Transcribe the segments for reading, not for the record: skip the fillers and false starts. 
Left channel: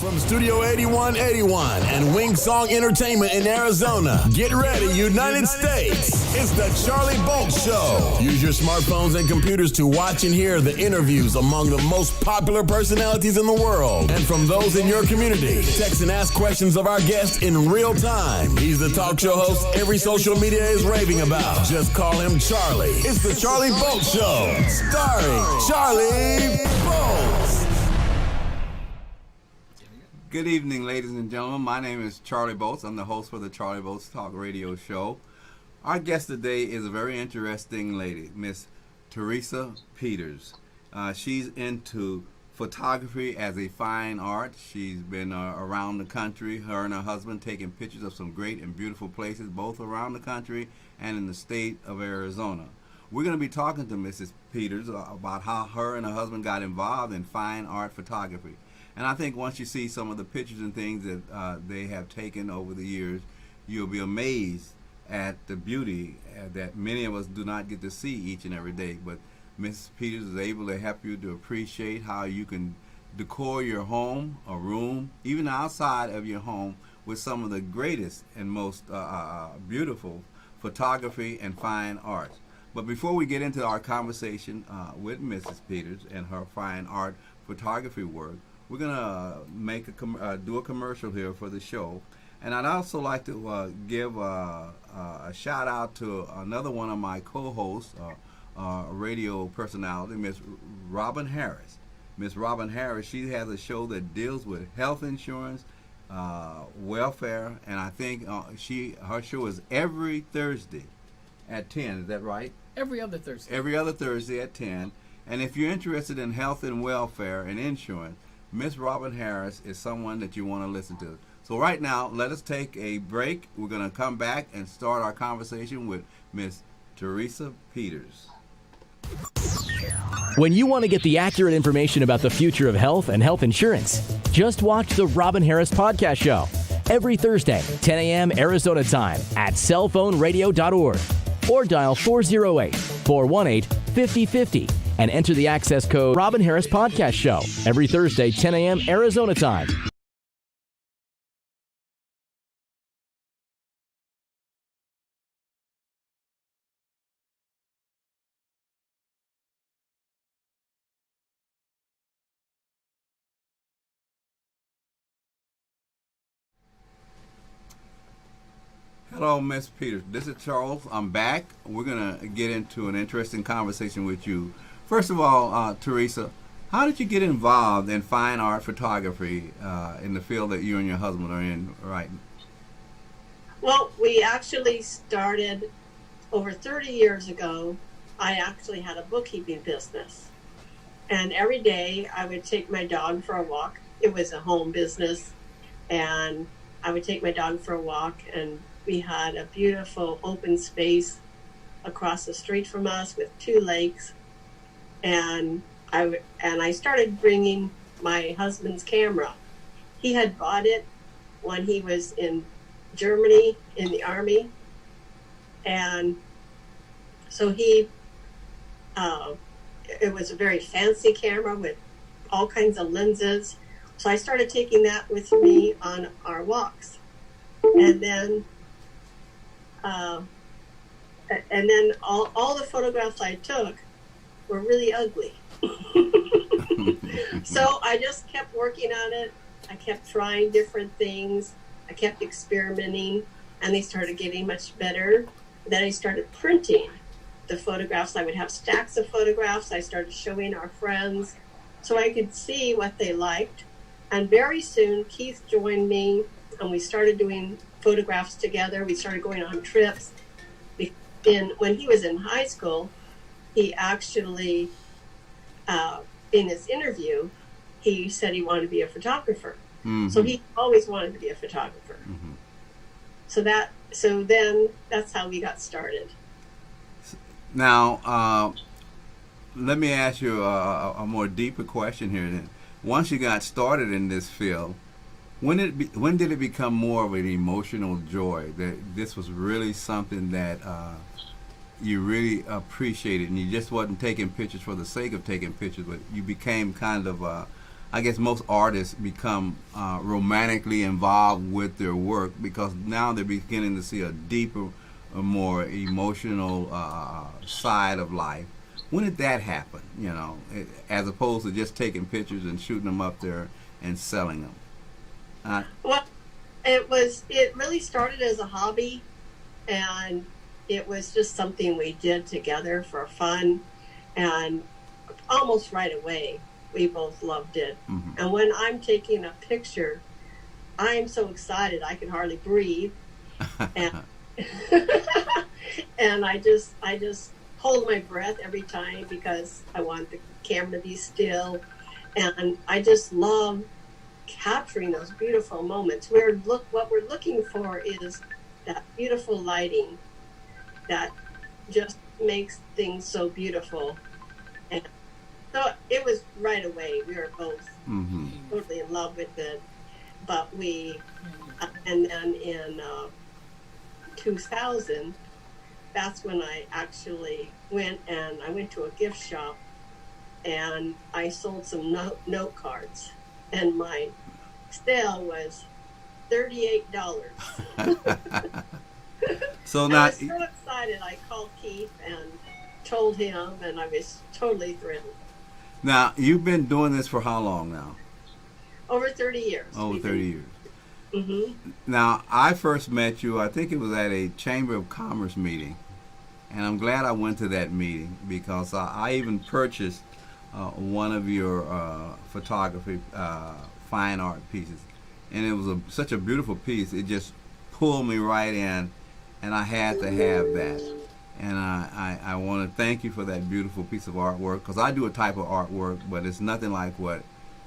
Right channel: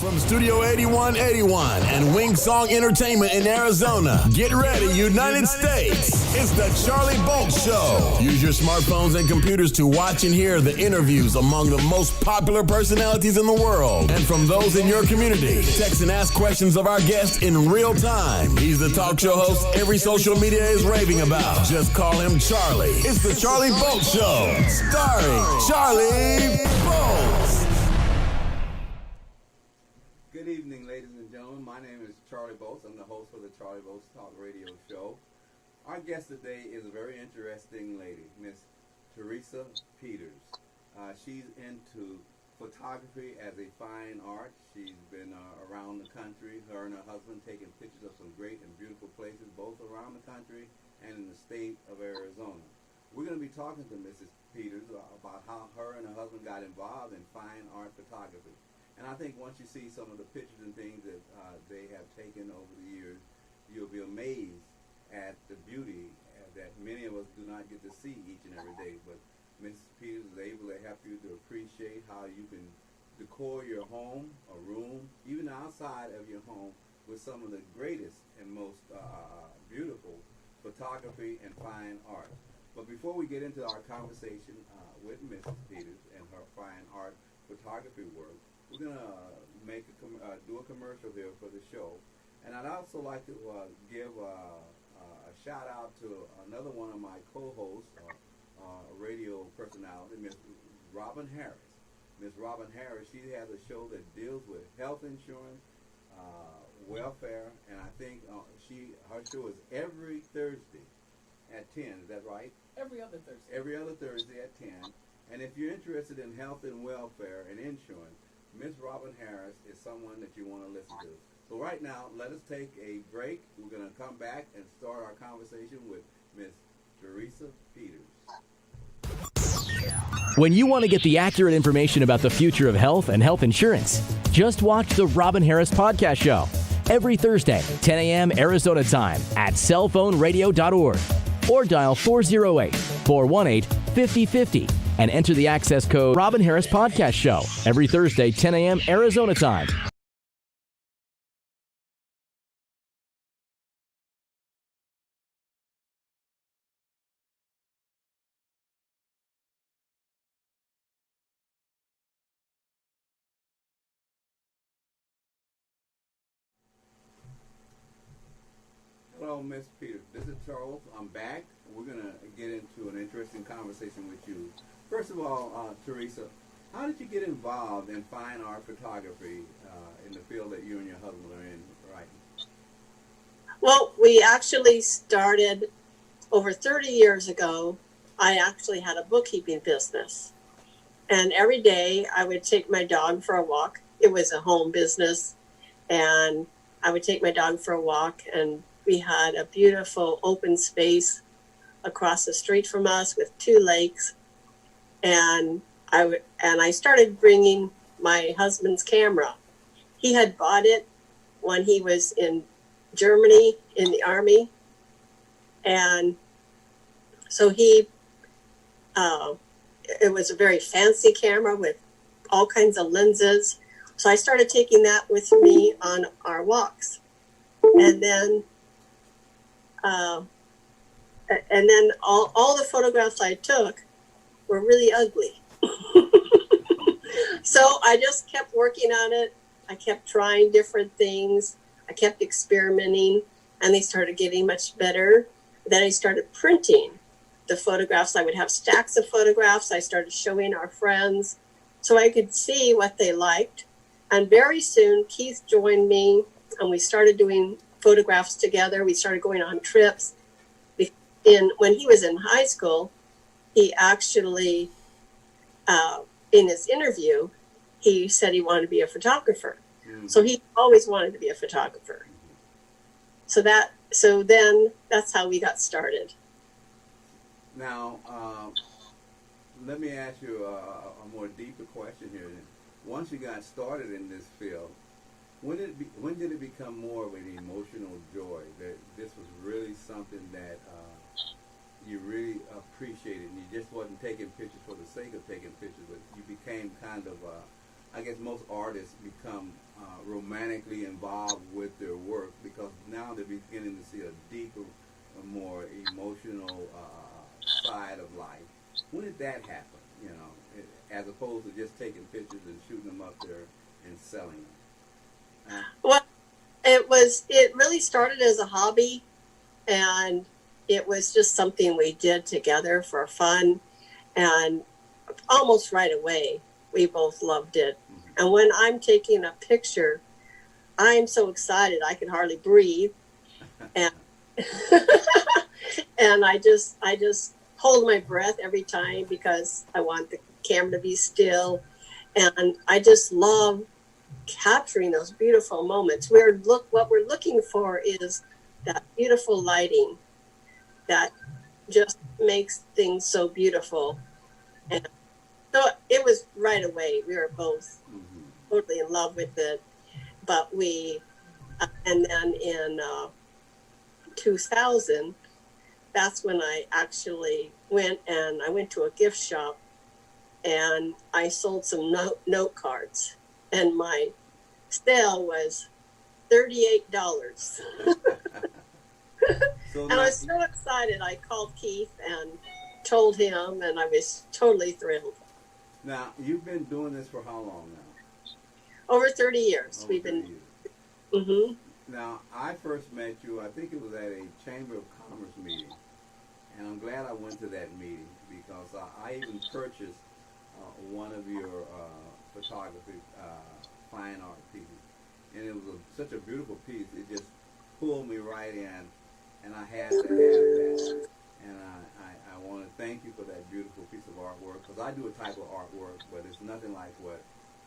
From Studio 8181 and Wing Song Entertainment in Arizona, get ready, United States. It's the Charlie Bolt Show. Use your smartphones and computers to watch and hear the interviews among the most popular personalities in the world and from those in your community. Text and ask questions of our guests in real time. He's the talk show host every social media is raving about. Just call him Charlie. It's the Charlie Bolt Show, starring Charlie Bolt. Good evening, ladies and gentlemen. My name is Charlie Bolts. I'm the host for the Charlie Bolts Talk Radio Show. Our guest today is a very interesting lady, Miss Teresa Peters. She's into photography as a fine art. She's been around the country, her and her husband, taking pictures of some great and beautiful places, both around the country and in the state of Arizona. We're going to be talking to Mrs. Peters about how her and her husband got involved in fine art photography. And I think once you see some of the pictures and things that they have taken over the years, you'll be amazed at the beauty that many of us do not get to see each and every day. But Ms. Peters is able to help you to appreciate how you can decor your home, a room, even outside of your home, with some of the greatest and most beautiful photography and fine art. But before we get into our conversation with Mrs. Peters and her fine art photography work, we're going to do a commercial here for the show. And I'd also like to give a shout out to another one of my co-hosts, radio personality, Miss Robin Harris. Miss Robin Harris, she has a show that deals with health insurance, welfare, and I think her show is every Thursday at 10. Is that right? Every other Thursday. Every other Thursday at 10. And if you're interested in health and welfare and insurance, Miss Robin Harris is someone that you want to listen to. So right now, let us take a break. We're going to come back and start our conversation with Miss Teresa Peters. When you want to get the accurate information about the future of health and health insurance, just watch the Robin Harris Podcast Show every Thursday, 10 a.m. Arizona time at cellphoneradio.org or dial 408-418-5050 and enter the access code Robin Harris Podcast Show every Thursday, 10 a.m. Arizona time. Hello, Miss Peters. This is Charles. I'm back. We're going to get into an interesting conversation with you. First of all, Teresa, how did you get involved in fine art photography in the field that you and your husband are in right now? Well, we actually started over 30 years ago. I actually had a bookkeeping business. And every day I would take my dog for a walk. It was a home business. And I would take my dog for a walk, and we had a beautiful open space across the street from us with 2 lakes. And I started bringing my husband's camera. He had bought it when he was in Germany in the Army. And so it was a very fancy camera with all kinds of lenses. So I started taking that with me on our walks. And then all the photographs I took were really ugly. So I just kept working on it. I kept trying different things. I kept experimenting, and they started getting much better. Then I started printing the photographs. I would have stacks of photographs. I started showing our friends so I could see what they liked. And very soon, Keith joined me, and we started doing photographs together. We started going on trips. When he was in high school, he actually, in his interview, he said he wanted to be a photographer. Mm-hmm. So he always wanted to be a photographer. Mm-hmm. So then that's how we got started. Now, let me ask you a more deeper question here. Then, once you got started in this field, when did it become more of an emotional joy that this was really something that you really appreciated, and you just wasn't taking pictures for the sake of taking pictures, but you became kind of I guess most artists become romantically involved with their work because now they're beginning to see a deeper, a more emotional side of life. When did that happen? As opposed to just taking pictures and shooting them up there and selling them. Well, it really started as a hobby, and it was just something we did together for fun, and almost right away we both loved it. Mm-hmm. And when I'm taking a picture, I'm so excited I can hardly breathe, and and I just hold my breath every time because I want the camera to be still, and I just love capturing those beautiful moments. What we're looking for is that beautiful lighting that just makes things so beautiful. And so it was right away. We were both totally in love with it. But and then in 2000, that's when I actually went to a gift shop and I sold some note cards. And my sale was $38. So and now I was so excited. I called Keith and told him, and I was totally thrilled. Now, you've been doing this for how long now? Over 30 years. Over 30 years. Mm-hmm. Now, I first met you, I think it was at a Chamber of Commerce meeting. And I'm glad I went to that meeting because I even purchased one of your photography fine art pieces, and it was such a beautiful piece. It just pulled me right in, and I had to have that. And I want to thank you for that beautiful piece of artwork because I do a type of artwork, but it's nothing like what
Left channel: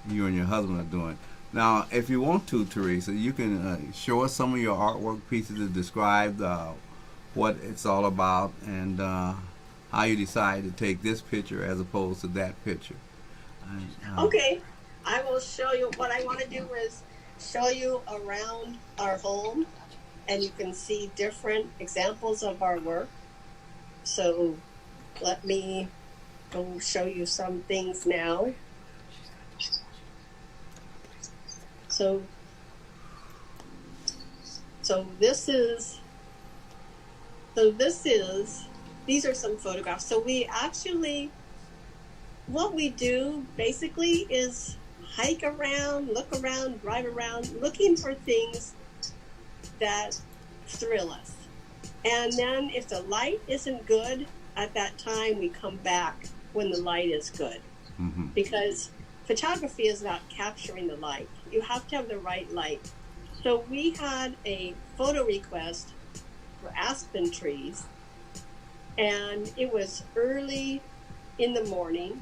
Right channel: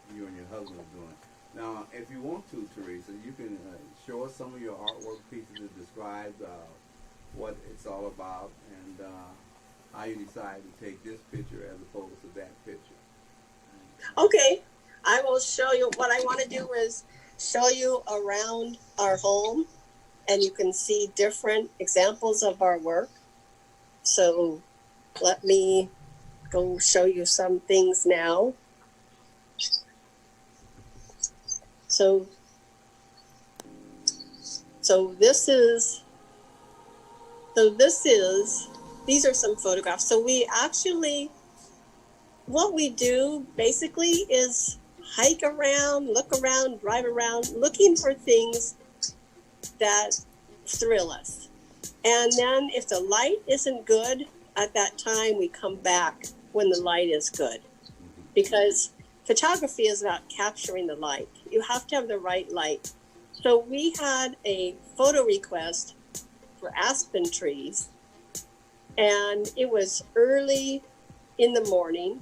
you and your husband are doing. Now, if you want to, Teresa, you can show us some of your artwork pieces that describe what it's all about and how you decided to take this picture as opposed to that picture. Okay, I will show you. What I want to do is show you around our home, and you can see different examples of our work. So let me go show you some things now. So these are some photographs. So we actually, what we do basically is hike around, look around, drive around, looking for things that thrill us. And then if the light isn't good at that time, we come back when the light is good. Mm-hmm. Because photography is about capturing the light. You have to have the right light. So we had a photo request for aspen trees, and it was early in the morning.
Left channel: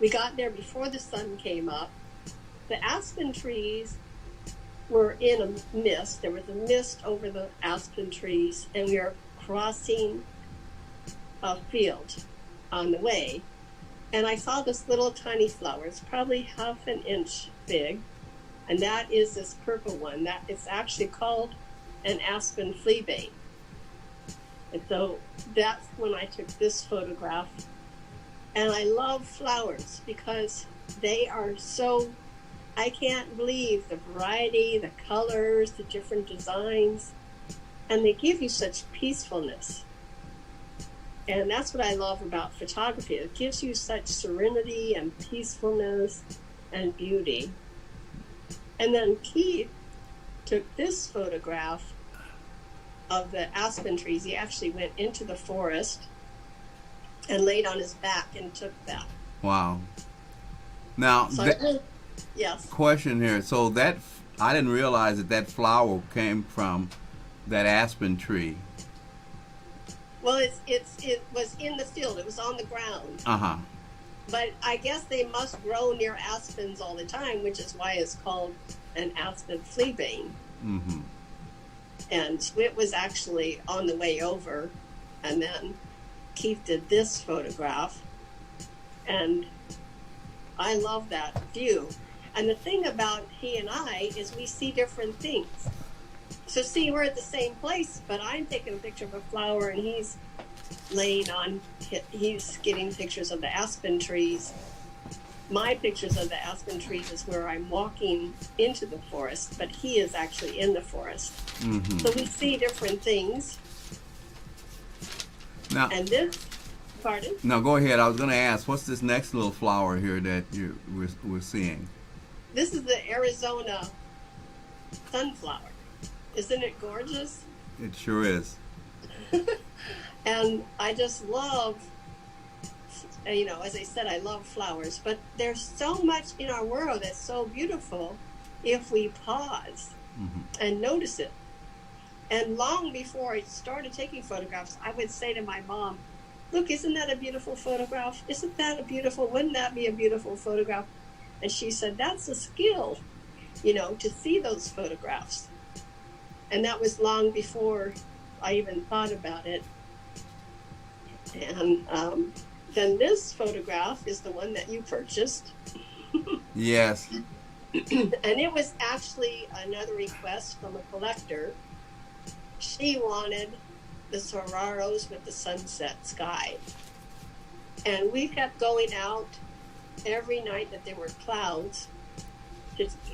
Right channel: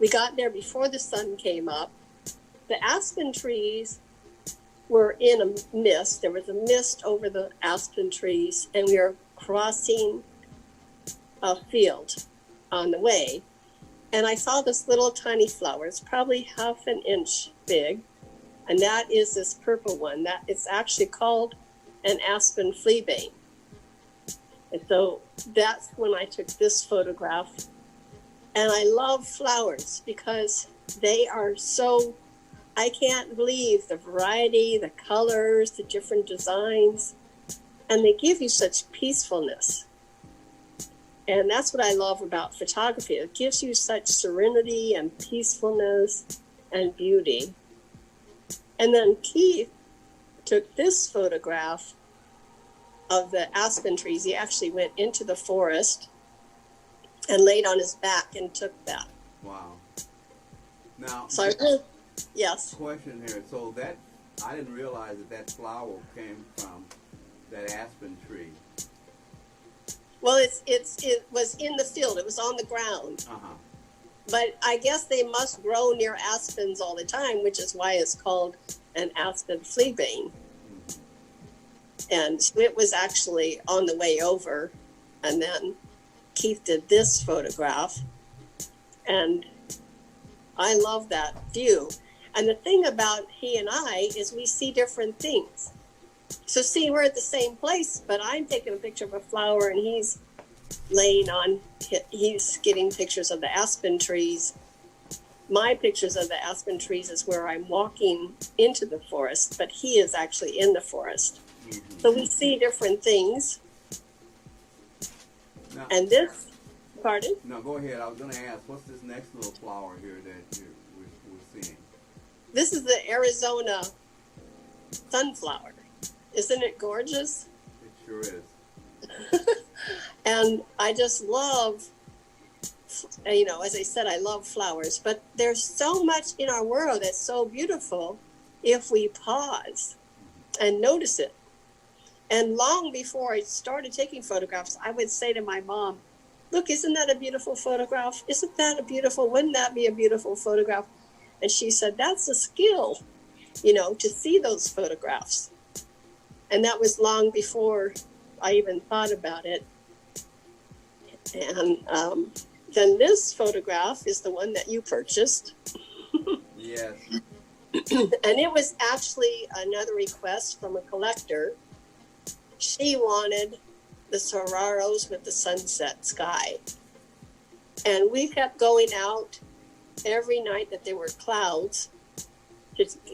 We got there before the sun came up. The aspen trees were in a mist. There was a mist over the aspen trees, and we were crossing a field on the way. And I saw this little tiny flower. It's probably half an inch big. And that is this purple one. It's actually called an aspen fleabane. And so that's when I took this photograph. And I love flowers because they are so, I can't believe the variety, the colors, the different designs. And they give you such peacefulness. And that's what I love about photography. It gives you such serenity and peacefulness and beauty. And then Keith took this photograph of the aspen trees. He actually went into the forest and laid on his back and took that. Wow. Now, So yes. question here. So that, I didn't realize that flower came from that aspen tree. Well, it was in the field. It was on the ground. Uh-huh. But I guess they must grow near aspens all the time, which is why it's called an aspen fleabane. Mm-hmm. And so it was actually on the way over. And then Keith did this photograph. And I love that view. And the thing about he and I is we see different things. So see, we're at the same place, but I'm taking a picture of a flower and he's getting pictures of the aspen trees. my pictures of the aspen trees is where I'm walking into the forest, but he is actually in the forest. Mm-hmm. So we see different things. Now, And this, pardon? no, go ahead. I was going to ask, what's this next little flower here that we're seeing? This is the Arizona sunflower. Isn't it gorgeous? It sure is. And I just love, as I said, I love flowers, but there's so much in our world that's so beautiful if we pause and notice it. And long before I started taking photographs, I would say to my mom, look, isn't that a beautiful photograph? Wouldn't that be a beautiful photograph? And she said, that's a skill, to see those photographs. And that was long before I even thought about it. And then this photograph is the one that you purchased. Yes. And it was actually another request from a collector. She wanted the saguaros with the sunset sky. And we kept going out every night that there were clouds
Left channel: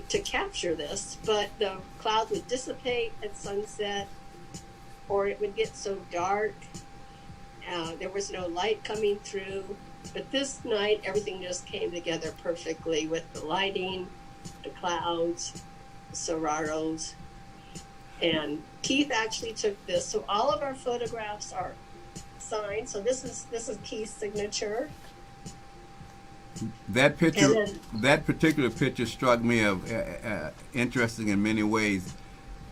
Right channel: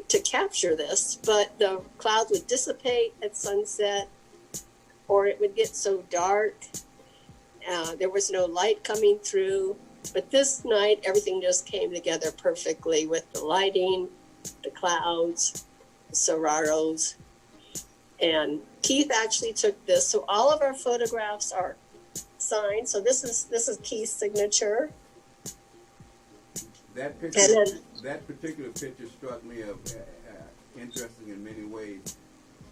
to capture this, but the clouds would dissipate at sunset, or it would get so dark. There was no light coming through. But this night, everything just came together perfectly with the lighting, the clouds, the saguaros. And Keith actually took this. So all of our photographs are signed. So this is Keith's signature. That picture, that particular picture struck me of interesting in many ways.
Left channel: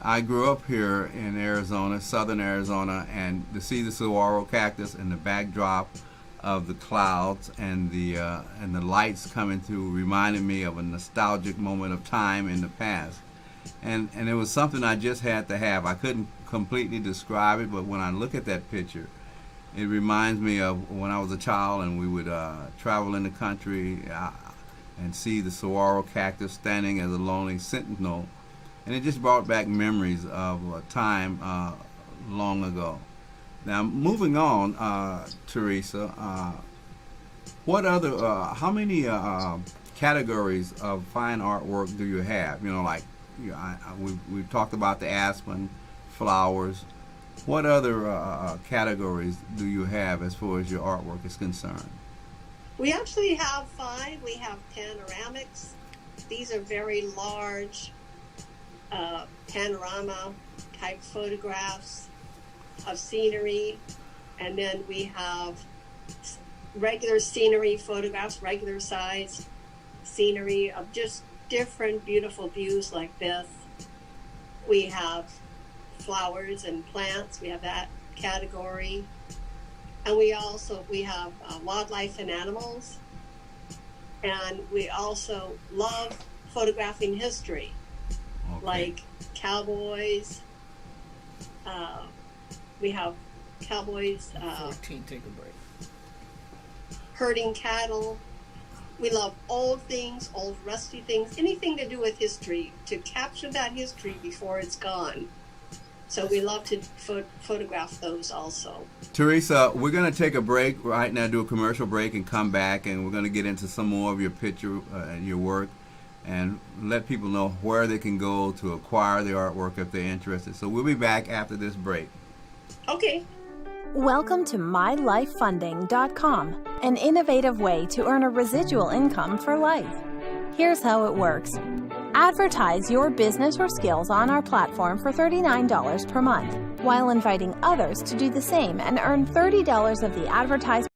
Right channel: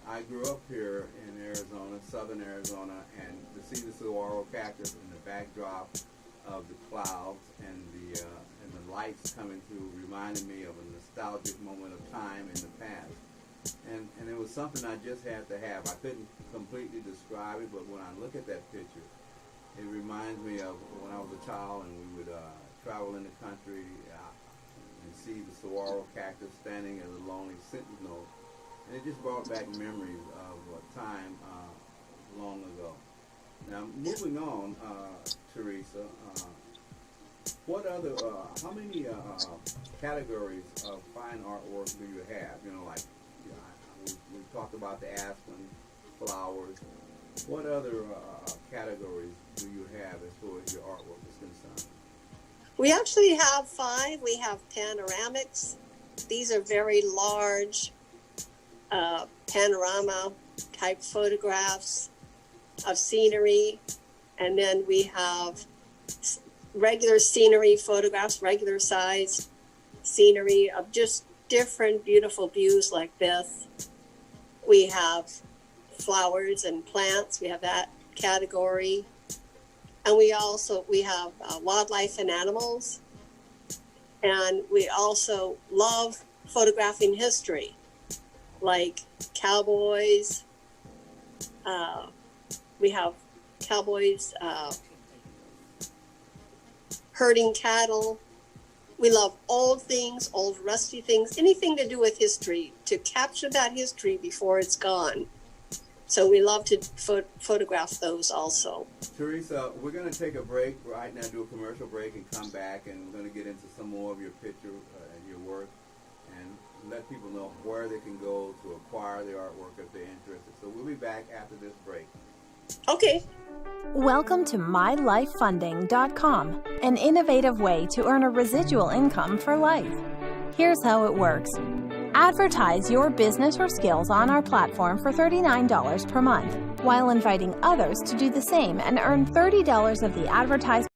I grew up here in Arizona, southern Arizona, and to see the saguaro cactus in the backdrop of the clouds and the lights coming through reminded me of a nostalgic moment of time in the past. And it was something I just had to have. I couldn't completely describe it, but when I look at that picture, it reminds me of when I was a child and we would travel in the country and see the saguaro cactus standing as a lonely sentinel. And it just brought back memories of a time long ago. Now, moving on, Teresa, what other, how many categories of fine artwork do you have? We've talked about the aspen, flowers. What other categories do you have as far as your artwork is concerned? We actually have 5. We have panoramics. These are very large panorama type photographs of scenery. And then we have regular scenery photographs, regular size scenery of just different beautiful views like this. We have flowers and plants. We have that category. And we have wildlife and animals. And we also love photographing history, like cowboys. We have cowboys herding cattle. We love old things, old rusty things, anything to do with history, to capture that history before it's gone. So we love to photograph those also. Teresa, we're going to take a break right now, do a commercial break, and come back, and we're going to get into some more of your picture and your work, and let people know where they can go to acquire the artwork if they're interested. So we'll be back after this break. Okay. Welcome to MyLifeFunding.com, an innovative way to earn a residual income for life. Here's how it works. Advertise your business or skills on our platform for $39 per month, while inviting others to do the same and earn $30 of the advertised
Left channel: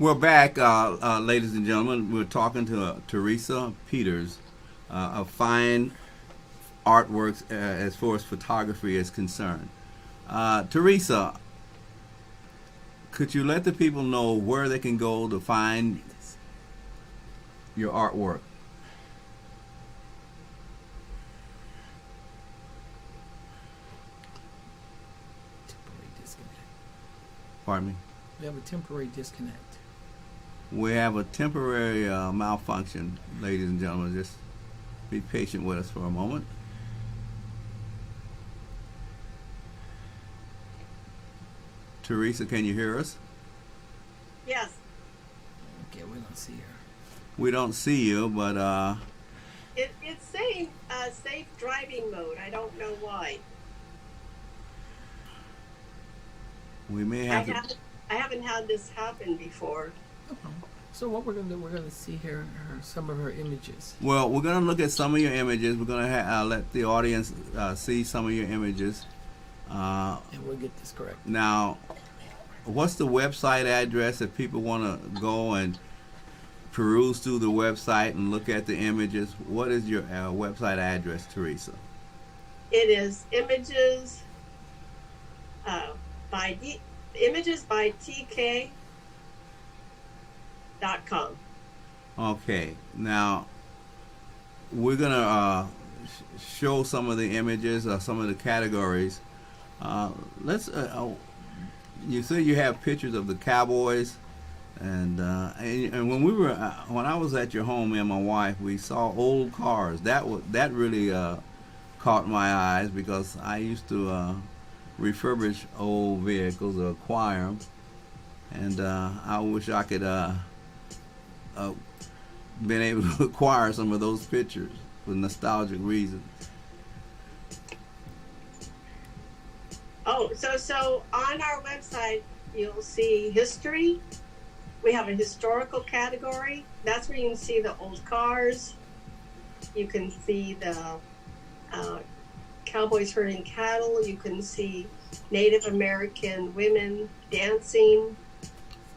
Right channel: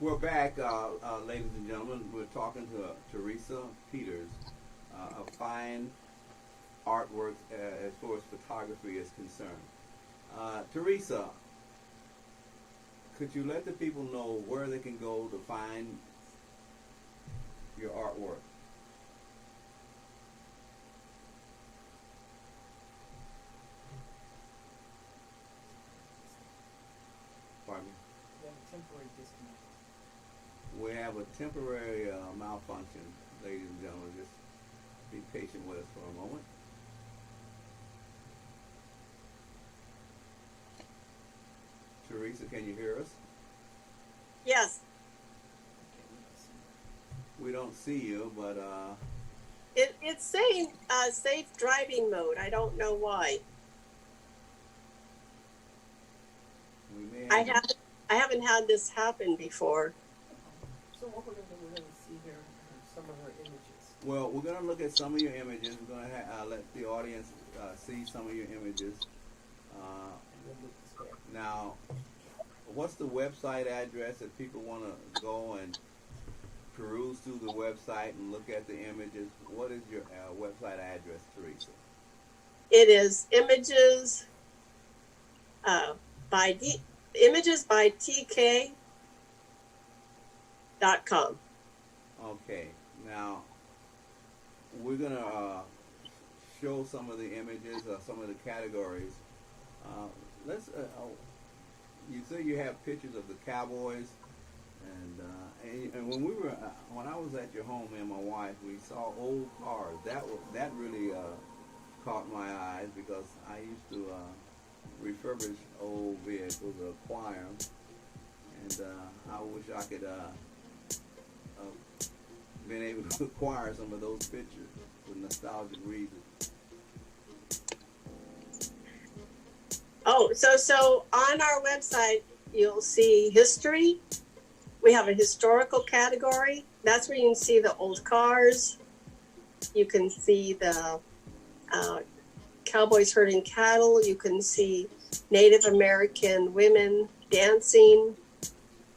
We're back, ladies and gentlemen. We're talking to Teresa Peters of Fine Artworks as far as photography is concerned. Teresa, could you let the people know where they can go to find your artwork? Pardon me? We have a temporary disconnect. We have a temporary malfunction, ladies and gentlemen. Just be patient with us for a moment. Teresa, can you hear us? Yes. Okay, we don't see her. We don't see you, but It's saying safe driving mode. I don't know why. we may I have to. haven't had this happen before. No problem. So what we're gonna do? We're gonna see here some of her images. Well, we're going to look at some of your images. We're going to let the audience see some of your images. And we'll get this correct. Now, what's the website address if people want to go and peruse through the website and look at the images? What is your website address, Teresa? It is images by tk.com. Okay, now we're gonna show some of the images, some of the categories. Let's. You say you have pictures of the Cowboys, and when I was at your home, me and my wife, we saw old cars. That really caught my eyes because I used to refurbish old vehicles or acquire them, and I wish I could been able to acquire some of those pictures for nostalgic reasons. Oh, so on our website you'll see history. We have a historical category. That's where you can see the old cars. You can see the cowboys herding cattle. You can see Native American women dancing.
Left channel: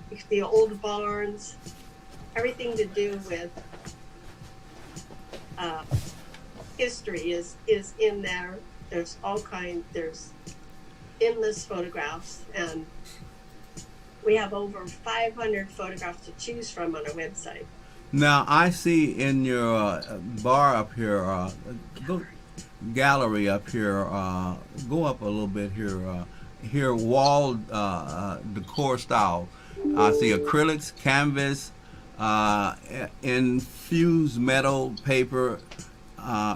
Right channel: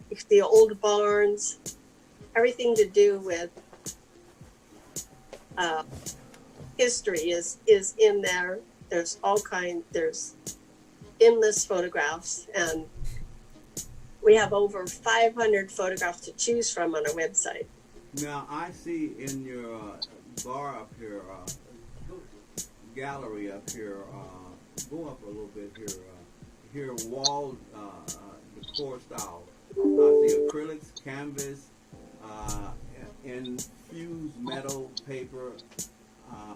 You can see old barns. Everything to do with history is in there. There's there's endless photographs, and we have over 500 photographs to choose from on our website. Now I see in your bar up here, gallery up here, go up a little bit here. Here wall decor style. I see acrylics, canvas, infused metal paper,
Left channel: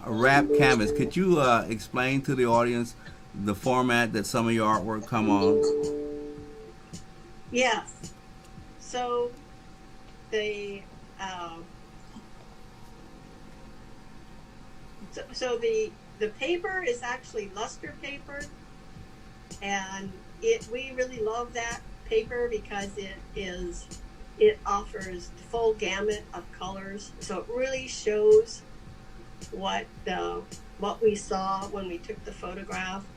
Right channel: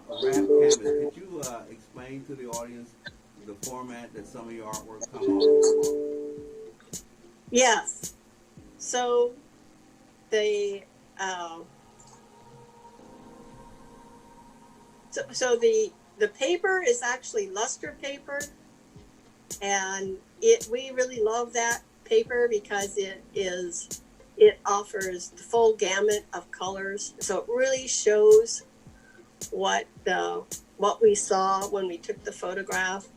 wrapped canvas. Could you explain to the audience the format that some of your artwork come on? Yes. So the the paper is actually luster paper, and we really love that paper because it offers the full gamut of colors. So it really shows what we saw when we took the photograph,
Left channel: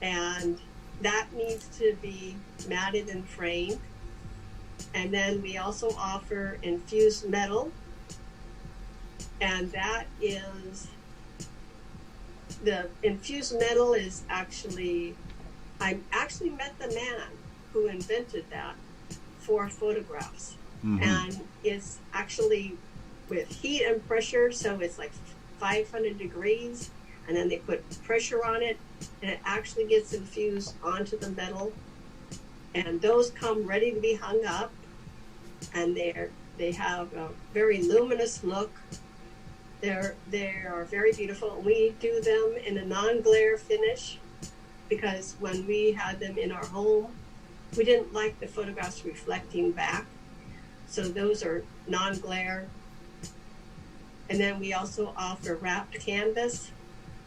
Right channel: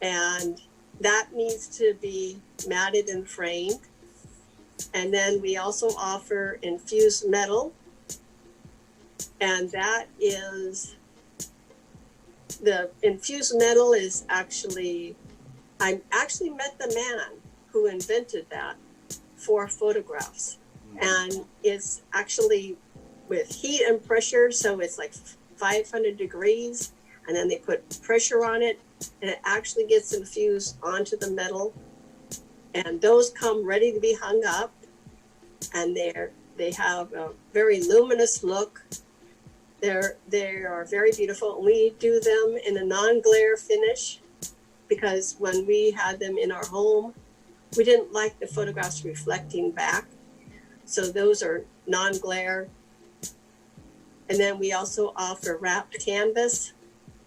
and that needs to be matted and framed. And then we also offer infused metal, and that is the infused metal is actually, I actually met the man who invented that for photographs. Mm-hmm. And it's actually with heat and pressure, so it's like 500 degrees, and then they put pressure on it, and it actually gets infused onto the metal, and those come ready to be hung up, and they have a very luminous look. They are very beautiful, and we do them in a non-glare finish because when we had them in our home, we didn't like the photographs reflecting back, so those are non-glare. And then we also offer wrapped canvas,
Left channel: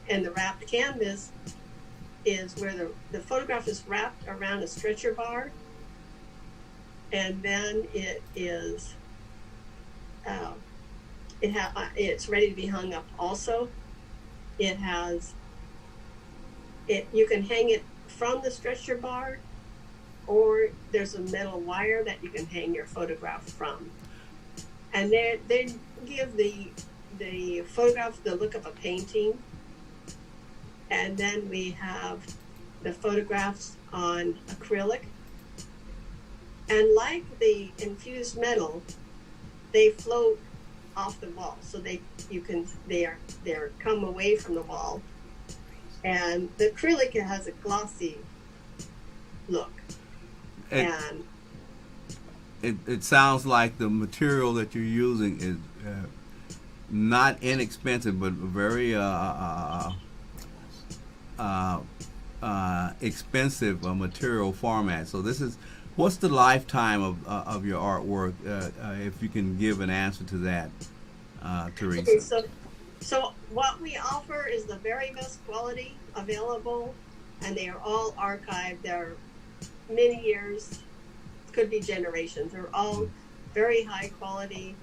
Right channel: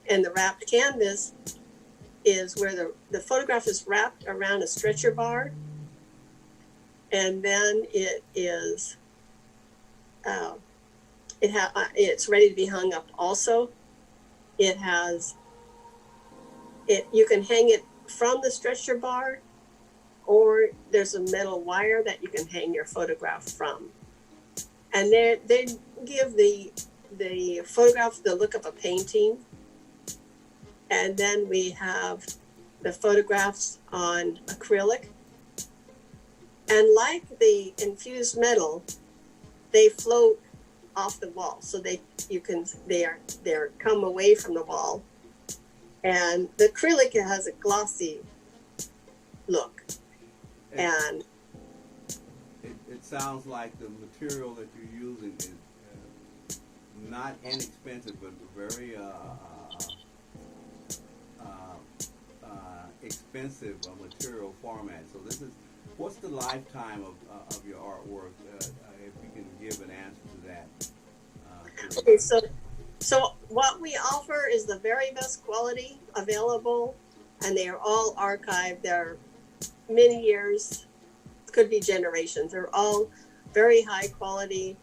and the wrapped canvas is where the photograph is wrapped around a stretcher bar, and then it is it's ready to be hung up. Also, you can hang it from the stretcher bar, or there's a metal wire that you can hang your photograph from. And they give the photograph the look of a painting. And then we have the photographs on acrylic. And like the infused metal, they float off the wall, so they're come away from the wall. And the acrylic has a glossy look. And it sounds like the material that you're using is not inexpensive, but very expensive material format. So what's the lifetime of your artwork? If you can give an answer to that, Teresa. Okay, so what we offer is the very best quality available, and they are all archived. They're many years, could be generations. They're all very high quality.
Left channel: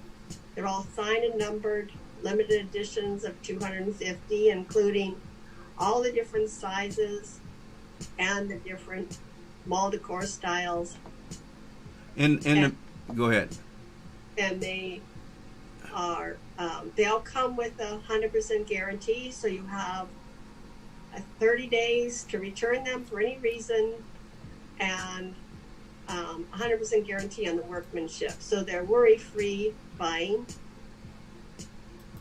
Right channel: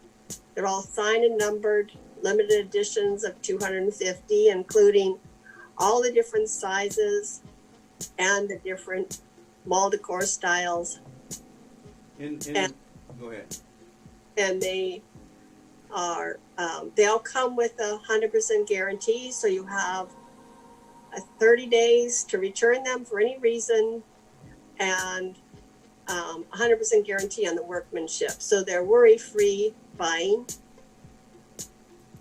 They're all signed and numbered, limited editions of 250, including all the different sizes and the different mall decor styles. Go ahead. And they are, they all come with a 100% guarantee, so you have 30 days to return them for any reason, and 100% guarantee on the workmanship. So they're worry-free buying.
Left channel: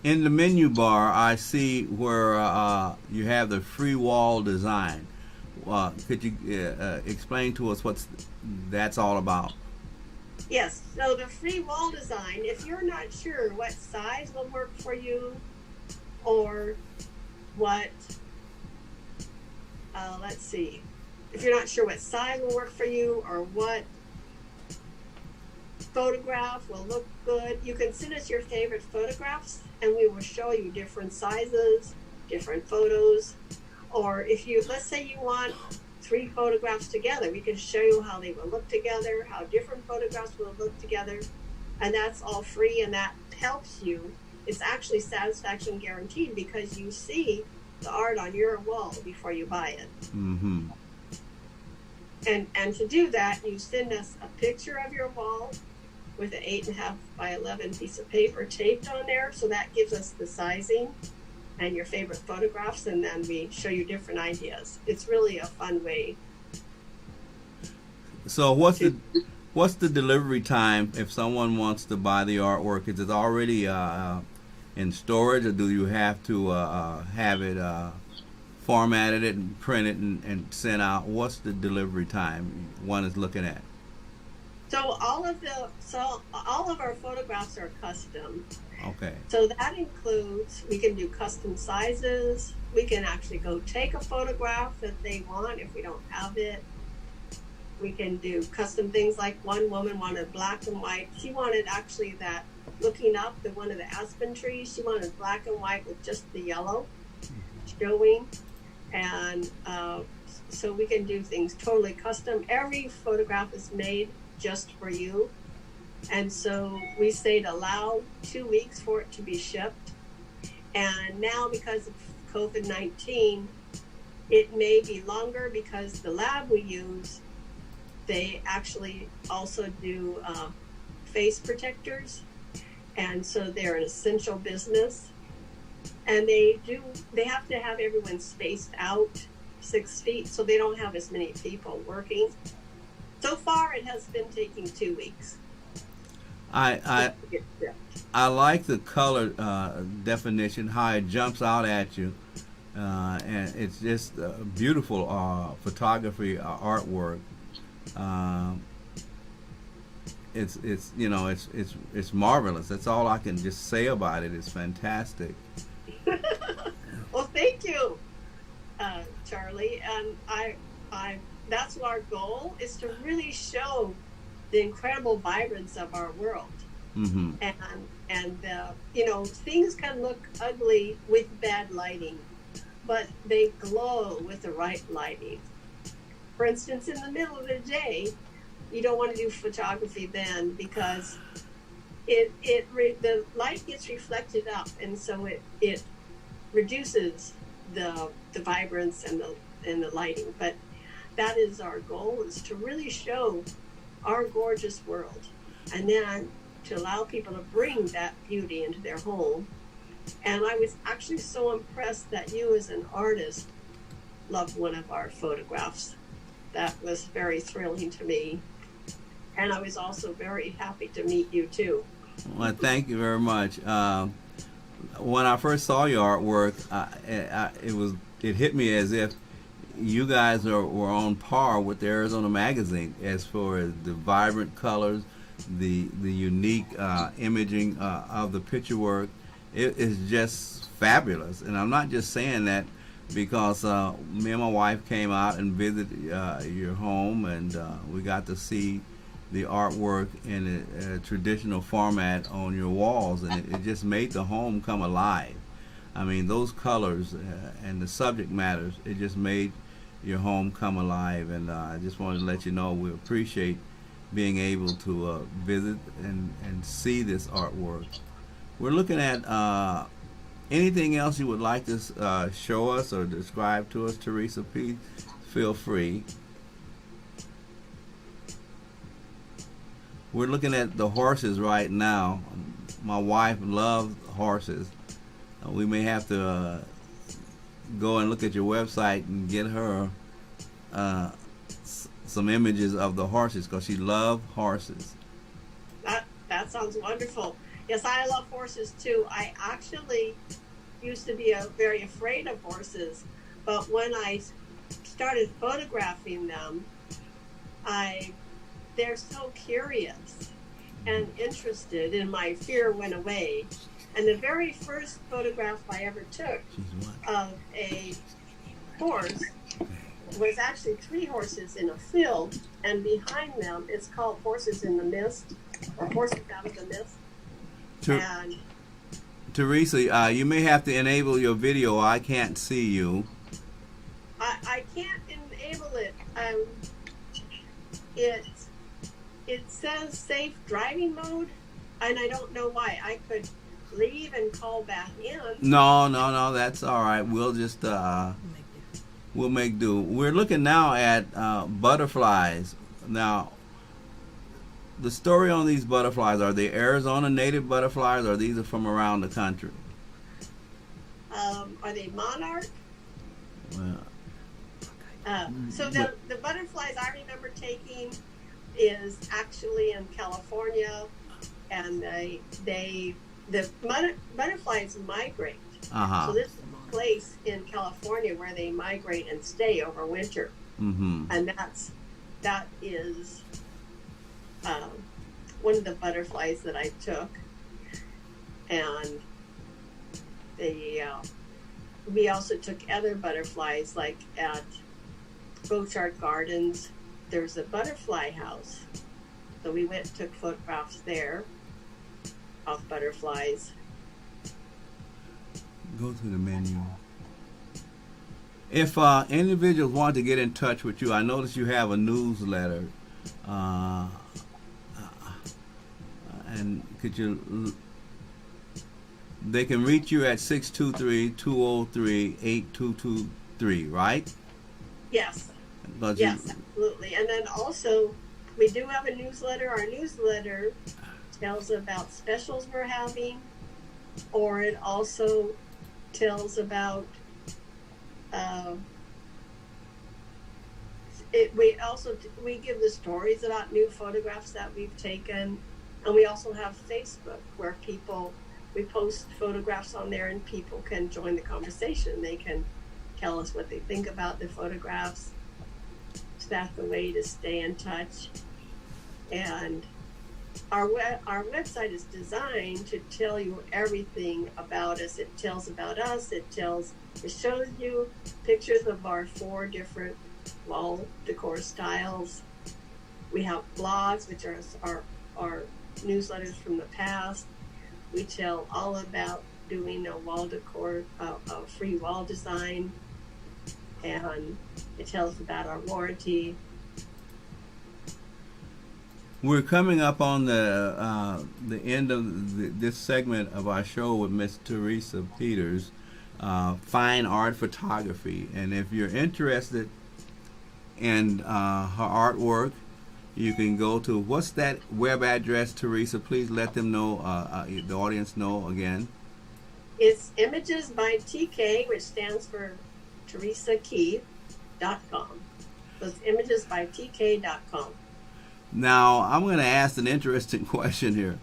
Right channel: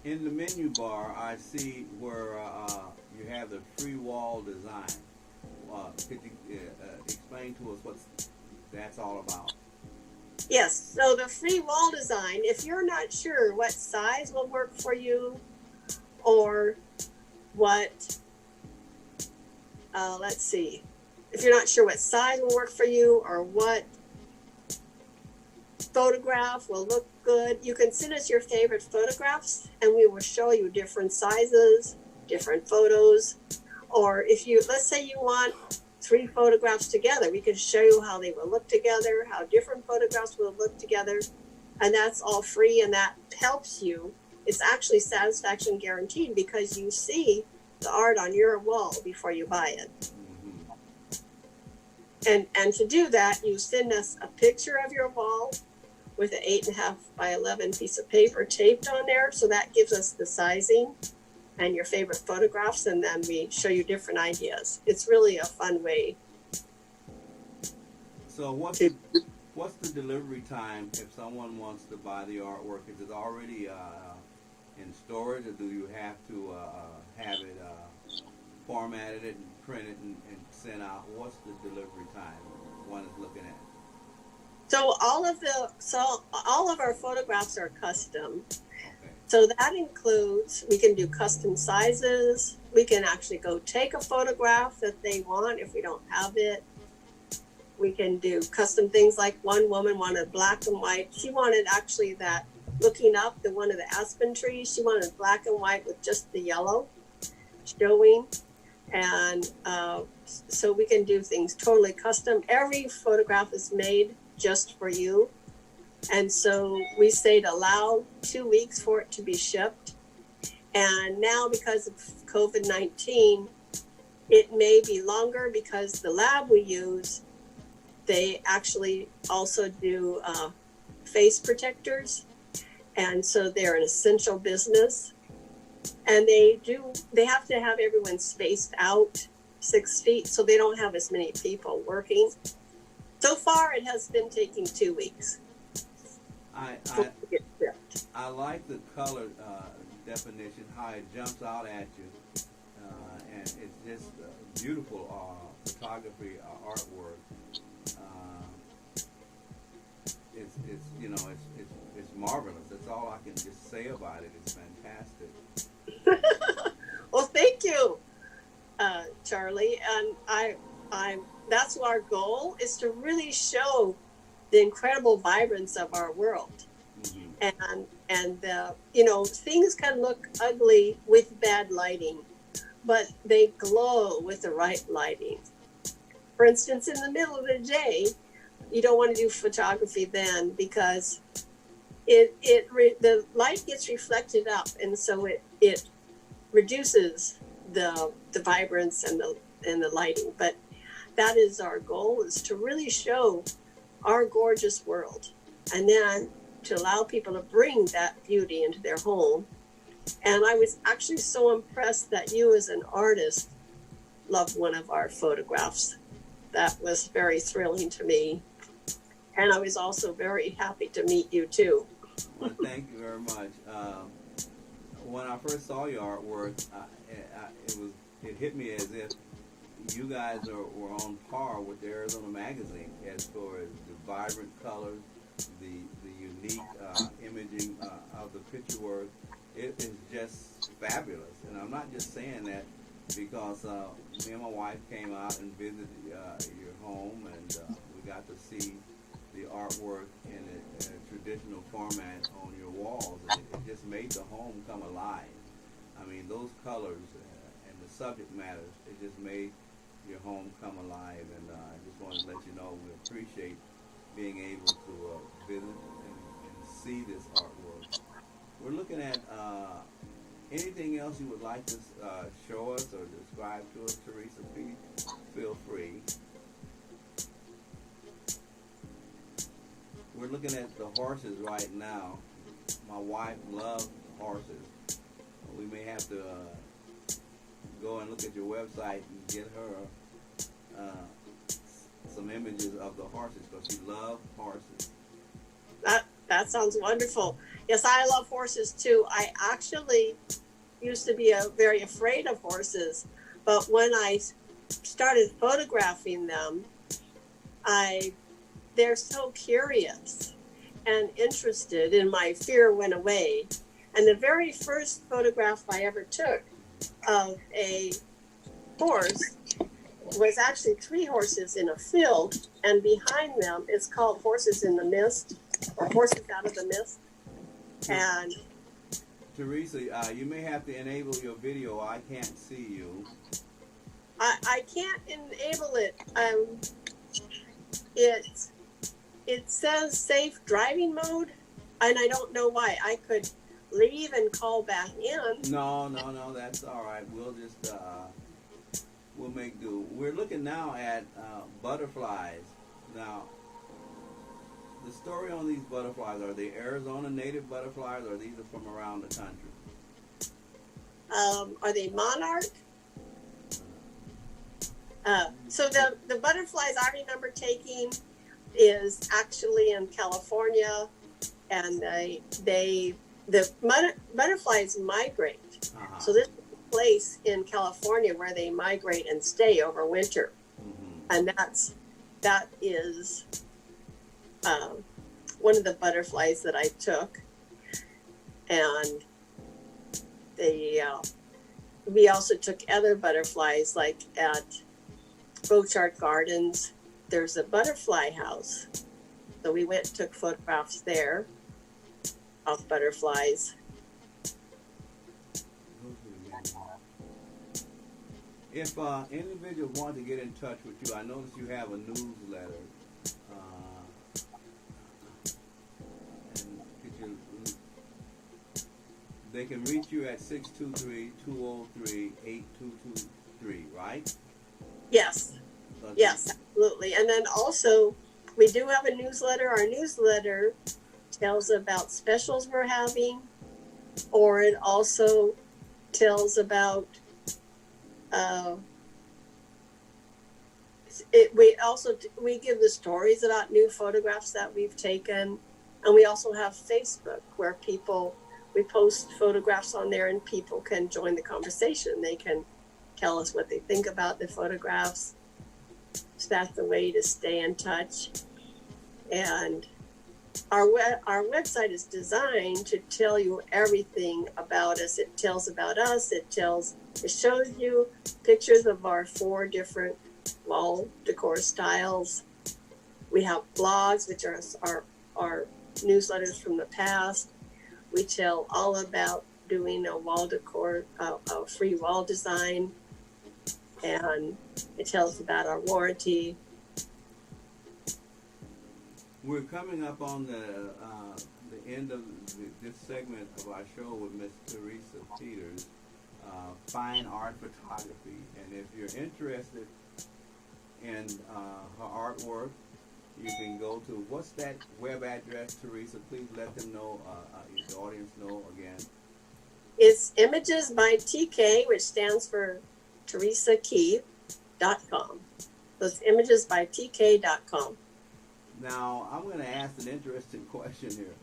In the menu bar, I see where you have the free wall design. Could you explain to us what that's all about? Yes, so the free wall design, if you're not sure what size will work for you, or what, let's see, if you're not sure what size will work for you or what photograph will look good, you can send us your favorite photographs and we will show you different sizes, different photos. Or if you, let's say you want 3 photographs together, we can show you how they will look together, how different photographs will look together, and that's all free, and that helps you. It's actually satisfaction guaranteed because you see the art on your wall before you buy it. Mm-hmm. And to do that, you send us a picture of your wall with an 8.5 by 11 piece of paper taped on there, so that gives us the sizing and your favorite photographs, and then we show you different ideas. It's really a fun way. So what's the delivery time if someone wants to buy the artwork? Is it already in storage, or do you have to have it formatted it and printed and sent out? What's the delivery time one is looking at? So all of our photographs are custom. Okay. So that includes, we can do custom sizes. We can actually go take a photograph that they want if we don't have it. We can do custom things, like one woman wanted black and white. She wanted actually that, looking up, the one of the aspen trees, she wanted black and white with just the yellow showing. And so we can do things totally custom. Every photograph is made just for you. And so we say to allow 2 weeks for it to be shipped. And now, because of COVID-19, it may be longer because the lab we use, they actually also do face protectors. And so they're an essential business. And they have to have everyone spaced out 6 feet, so they don't have as many people working. So far, it has been taking 2 weeks. I like the color definition, how it jumps out at you, and it's just beautiful photography artwork. It's marvelous. That's all I can just say about it. It's fantastic. Well, thank you, Charlie. And that's our goal, is to really show the incredible vibrance of our world. Mm-hmm. And things can look ugly with bad lighting, but they glow with the right lighting. For instance, in the middle of the day, you don't want to do photography then, because the light gets reflected up, and so it reduces the vibrance and the lighting. But that is our goal, is to really show our gorgeous world, and then to allow people to bring that beauty into their home. And I was actually so impressed that you as an artist loved one of our photographs. That was very thrilling to me. And I was also very happy to meet you too. Well, thank you very much. When I first saw your artwork, it hit me as if you guys were on par with the Arizona Magazine as far as the vibrant colors, the unique imaging of the picture work. It is just fabulous. And I'm not just saying that because me and my wife came out and visited your home, and we got to see the artwork in a traditional format on your walls, and it just made the home come alive. I mean, those colors and the subject matters, it just made your home come alive. And I just wanted to let you know we appreciate being able to visit and see this artwork. We're looking at anything else you would like to show us or describe to us, Teresa? Please feel free. We're looking at the horses right now. My wife loves horses. We may have to go and look at your website and get her some images of the horses, because she loves horses. That sounds wonderful. Yes, I love horses too. I actually used to be very afraid of horses, but when I started photographing them, they're so curious and interested, and my fear went away. And the very first photograph I ever took of a horse was actually 3 horses in a field, and behind them it's called Horses in the Mist, or Horses Out of the Mist. And Teresa, you may have to enable your video. I can't see you. I can't enable it. It says safe driving mode, and I don't know why. I could leave and call back in. No, that's all right. We'll just we'll make do. We're looking now at butterflies. Now, the story on these butterflies, are they Arizona native butterflies, or these are from around the country? Are they monarch? So the butterflies I remember taking is actually in California, and the butterflies migrate. So this is a place in California where they migrate and stay over winter. And that is one of the butterflies that I took. And we also took other butterflies, like at Bochart Gardens. There's a butterfly house. So we went and took photographs there of butterflies. Go to the menu. If individuals want to get in touch with you, I notice you have a newsletter. And they can reach you at 623-203-8223, right? Yes. Yes, absolutely. And then also, we do have a newsletter. Our newsletter tells about specials we're having, or it also tells about we give the stories about new photographs that we've taken, and we also have Facebook where we post photographs on there, and people can join the conversation. They can tell us what they think about the photographs. So that's the way to stay in touch. And our website is designed to tell you everything about us. It tells about us. It shows you pictures of our 4 different wall decor styles. We have blogs, which are our newsletters from the past. We tell all about doing a wall decor, a free wall design, and it tells about our warranty. We're coming up on the end of this segment of our show with Miss Teresa Peters, fine art photography. And if you're interested and her artwork, you can go to, what's that web address, Teresa? Please let them know, the audience know again. It's Images by TK, which stands for TeresaKeith.com. So it's imagesbytk.com. Now, I'm going to ask an interesting question here.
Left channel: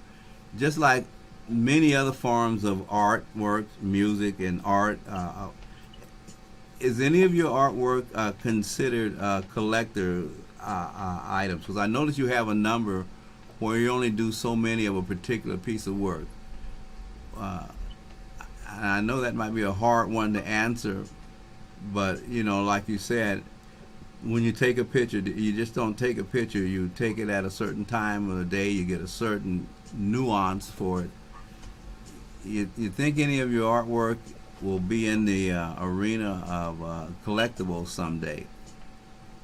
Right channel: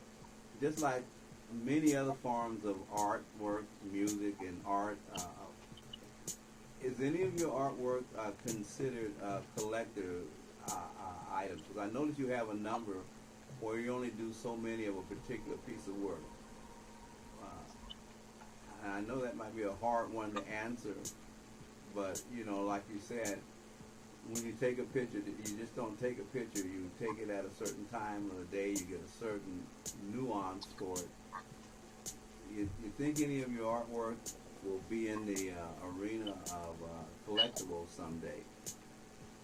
Just like many other forms of artwork, music, and art, is any of your artwork considered collector items? Because I notice you have a number where you only do so many of a particular piece of work. And I know that might be a hard one to answer, but you know, like you said, when you take a picture, you just don't take a picture. You take it at a certain time of the day. You get a certain nuance for it. You think any of your artwork will be in the arena of collectibles someday?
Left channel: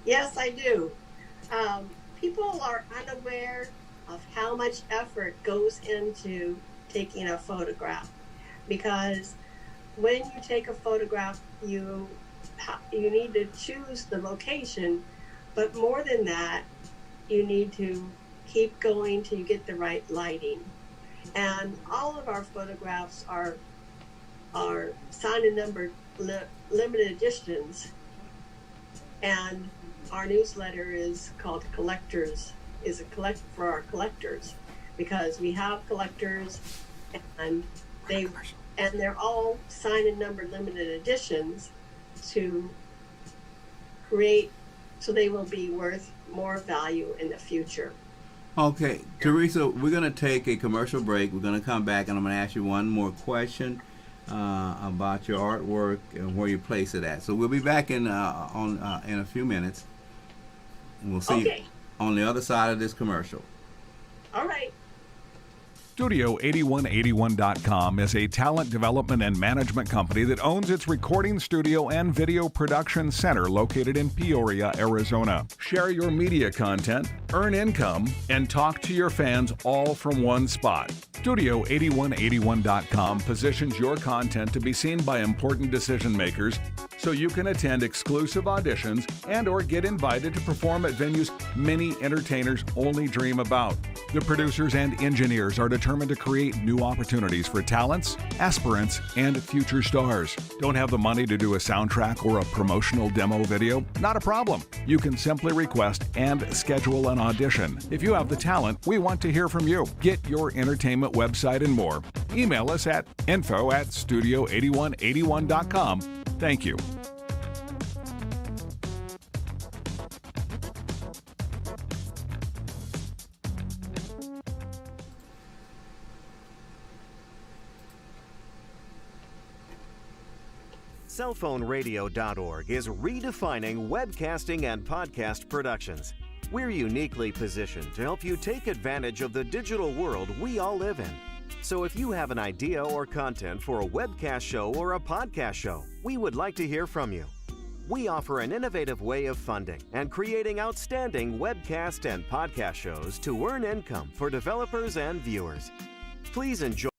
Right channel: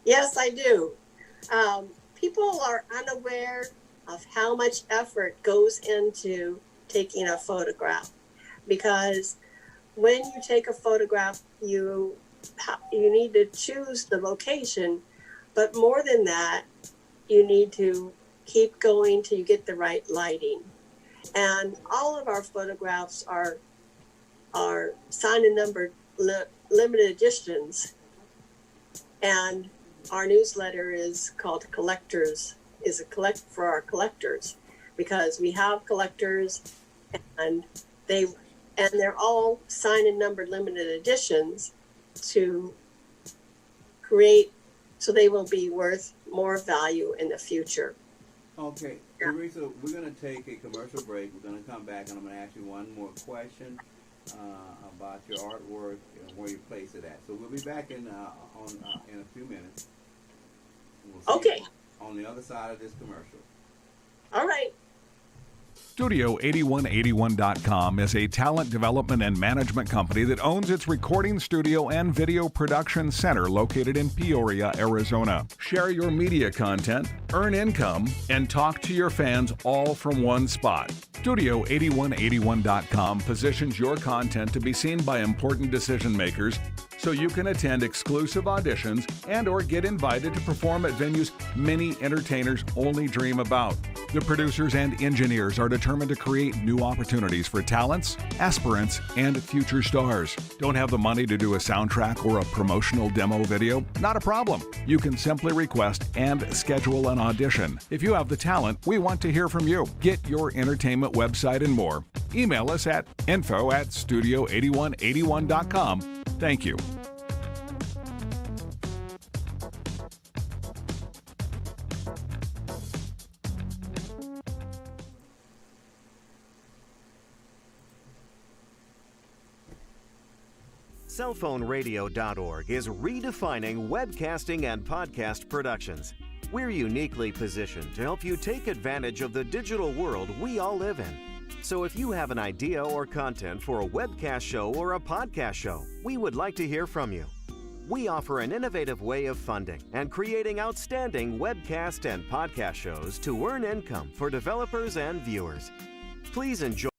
Yes, I do. People are unaware of how much effort goes into taking a photograph, because when you take a photograph, you need to choose the location, but more than that, you need to keep going till you get the right lighting. And all of our photographs are signed and numbered limited editions, and our newsletter is called Collectors, is a collect for our collectors, because we have collectors, and they're all signed and numbered limited editions to create, so they will be worth more value in the future. Okay, Teresa, we're going to take a commercial break. We're going to come back, and I'm going to ask you one more question about your artwork and where you place it at. So we'll be back in a few minutes. And we'll see you on the other side of this commercial. All right. Studio8181.com is a talent development and management company that owns its recording studio and video production center located in Peoria, Arizona. Share your media content, earn income, and talk to your fans all from one spot. Studio8181.com positions your content to be seen by important decision makers so you can attend exclusive auditions and or get invited to perform at venues many entertainers only dream about. The producers and engineers are determined to create new opportunities for talents, aspirants, and future stars. Don't have the money to do a soundtrack or a promotional demo video? Not a problem. You can simply request and schedule an audition. If you have the talent, we want to hear from you. Get your entertainment website and more. Email us at info@studio8181.com. Thank you. Cellphoneradio.org is redefining webcasting and podcast productions. We're uniquely positioned to help you take advantage of the digital world we all live in. So if you have an idea or content for a webcast show or a podcast show, we would like to hear from you. We offer an innovative way of funding and creating outstanding webcast and podcast shows to earn income for developers and viewers. Please enjoy.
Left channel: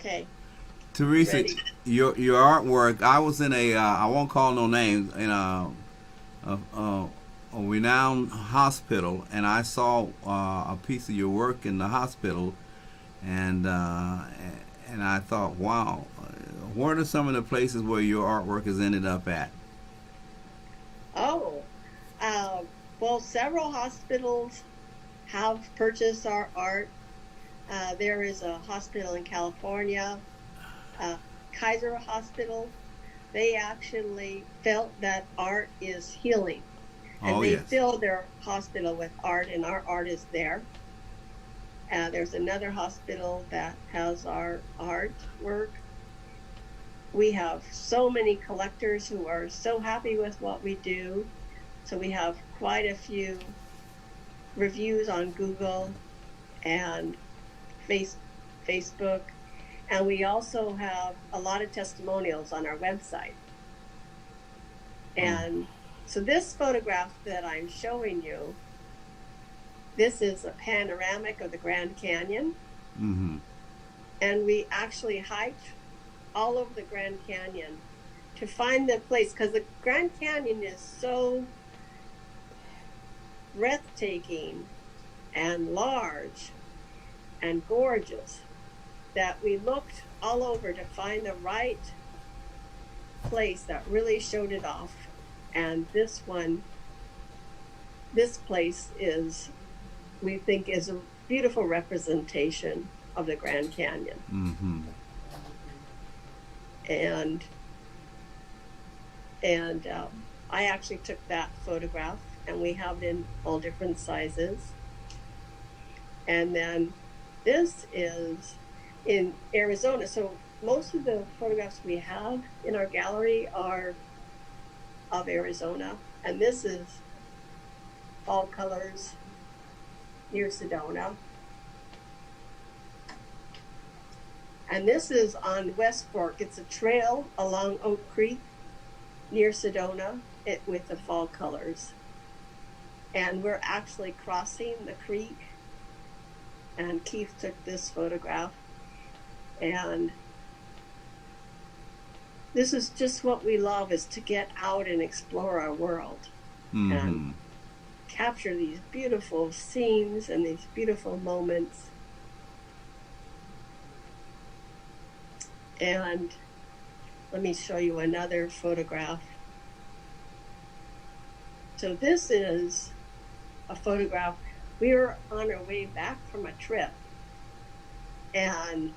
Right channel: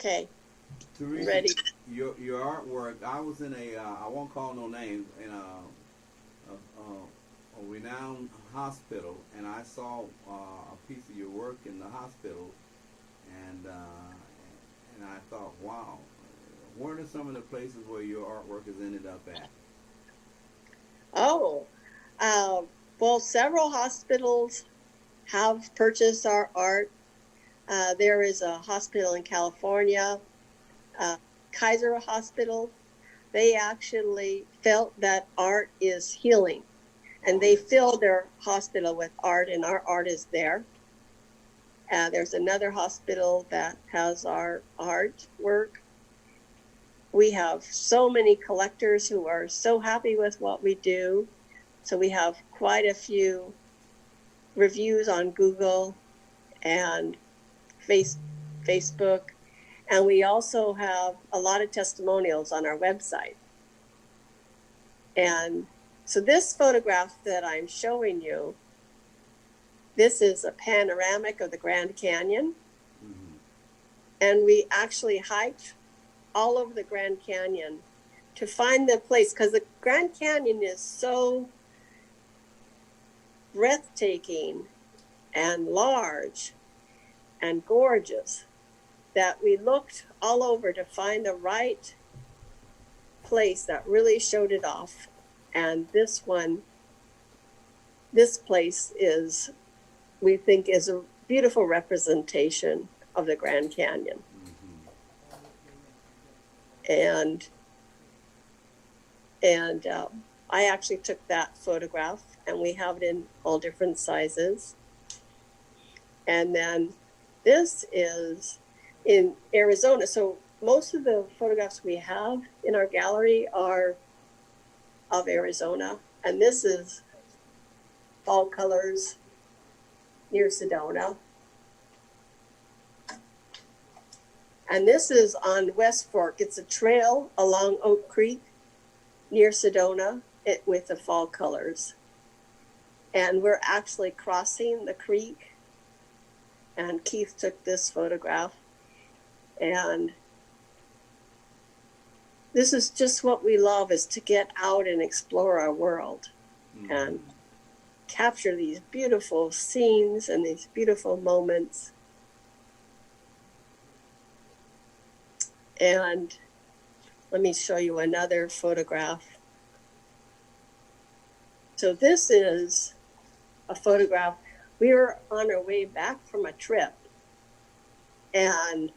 Okay. Teresa, Ready. your artwork, I was in I won't call no names, in a renowned hospital, and I saw a piece of your work in the hospital, and I thought, wow, what are some of the places where your artwork has ended up at? Well, several hospitals have purchased our art. There is a hospital in California, Kaiser Hospital. They actually felt that art is healing, and they filled their hospital with art, and our art is there. There's another hospital that has our artwork. We have so many collectors who are so happy with what we do. So we have quite a few reviews on Google and Facebook, and we also have a lot of testimonials on our website. And so this photograph that I'm showing you, this is a panoramic of the Grand Canyon. Mm-hmm. And we actually hiked all over the Grand Canyon to find the place, because the Grand Canyon is so breathtaking and large and gorgeous that we looked all over to find the right place that really showed it off. And this place is, we think, is a beautiful representation of the Grand Canyon. Mm-hmm. And I actually took that photograph, and we have it in all different sizes. And then this is in Arizona. So most of the photographs we have in our gallery are of Arizona. And this is fall colors near Sedona. And this is on West Fork. It's a trail along Oak Creek near Sedona with the fall colors. And we're actually crossing the creek. And Keith took this photograph. And this is just what we love, is to get out and explore our world. Mm-hmm. And capture these beautiful scenes and these beautiful moments. And let me show you another photograph. So this is a photograph. We were on our way back from a trip, and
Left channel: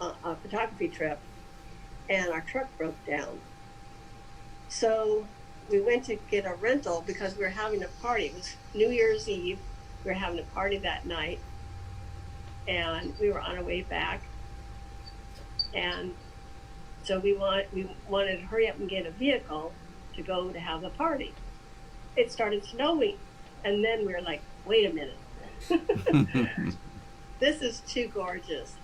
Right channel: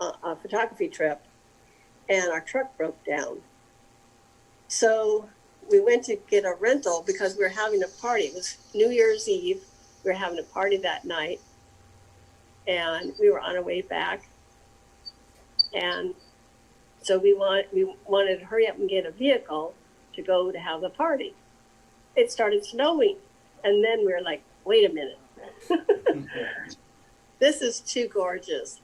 a photography trip, and our truck broke down. So we went to get a rental because we were having a party. It was New Year's Eve. We were having a party that night, and we were on our way back. And so we wanted to hurry up and get a vehicle to go to have the party. It started snowing, and then we were like, wait a minute. This is too gorgeous.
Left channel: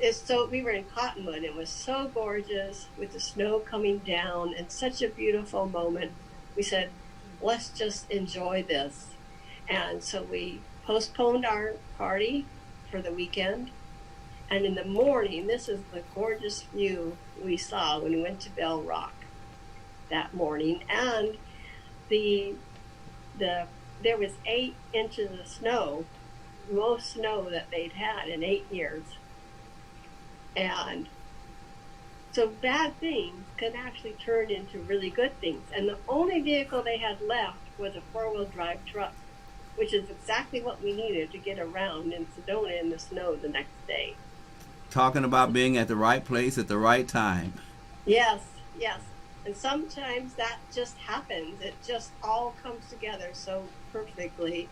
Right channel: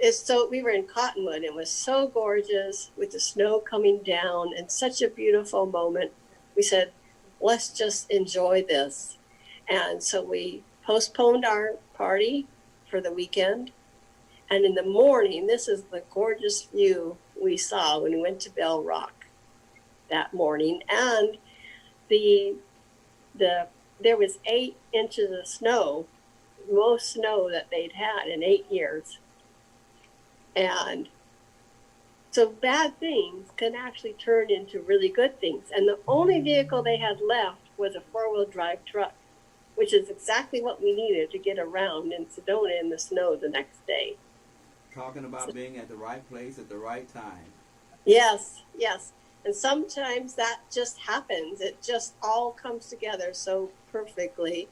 We were in Cottonwood. It was so gorgeous with the snow coming down, and such a beautiful moment. We said, let's just enjoy this. And so we postponed our party for the weekend. And in the morning, this is the gorgeous view we saw when we went to Bell Rock that morning. And there was 8 inches of snow, most snow that they'd had in 8 years. And so bad things can actually turn into really good things. And the only vehicle they had left was a 4-wheel drive truck, which is exactly what we needed to get around in Sedona in the snow the next day. Talking about being at the right place at the right time. Yes, yes. And sometimes that just happens. It just all comes together so perfectly.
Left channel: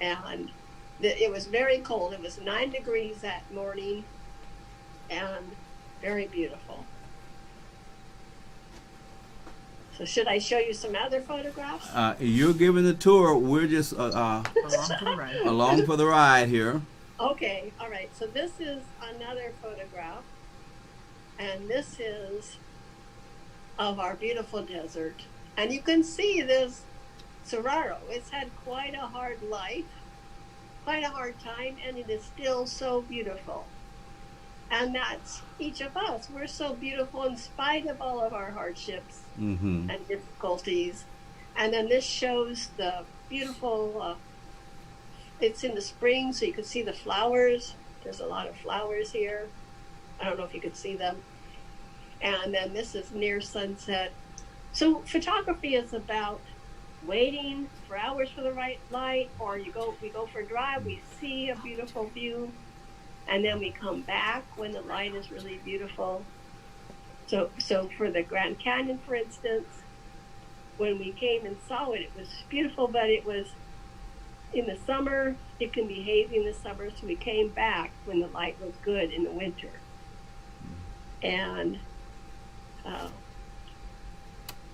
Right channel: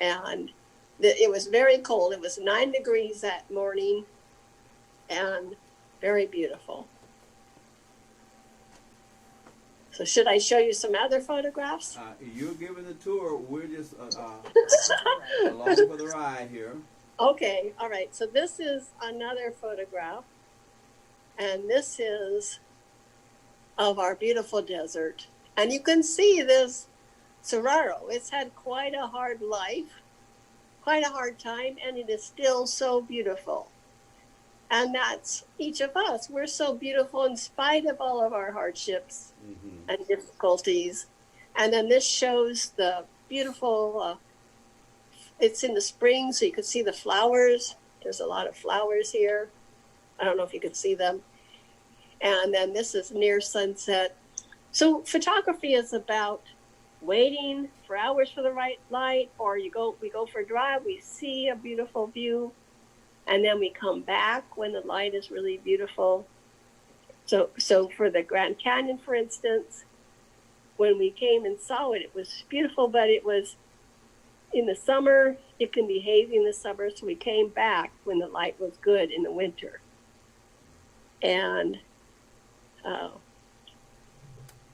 And it was very cold. It was 9 degrees that morning, and very beautiful. So should I show you some other photographs? You're giving the tour. We're just along for the ride here. Okay, all right. So this is another photograph, and this is of our beautiful desert. And you can see this saguaro. It's had quite a hard life, quite a hard time, and it is still so beautiful. And that's each of us. We're so beautiful in spite of all of our hardships and difficulties. And then this shows the beautiful, it's in the spring, so you can see the flowers. There's a lot of flowers here. I don't know if you can see them. And then this is near sunset. So photography is about waiting for hours for the right light, or we go for a drive, we see a beautiful view, and then we come back when the light is really beautiful. So for the Grand Canyon, for instance, when we came and saw it, it was beautiful, but it was in the summer. It can be hazy in the summer, so we came back when the light was good in the winter. And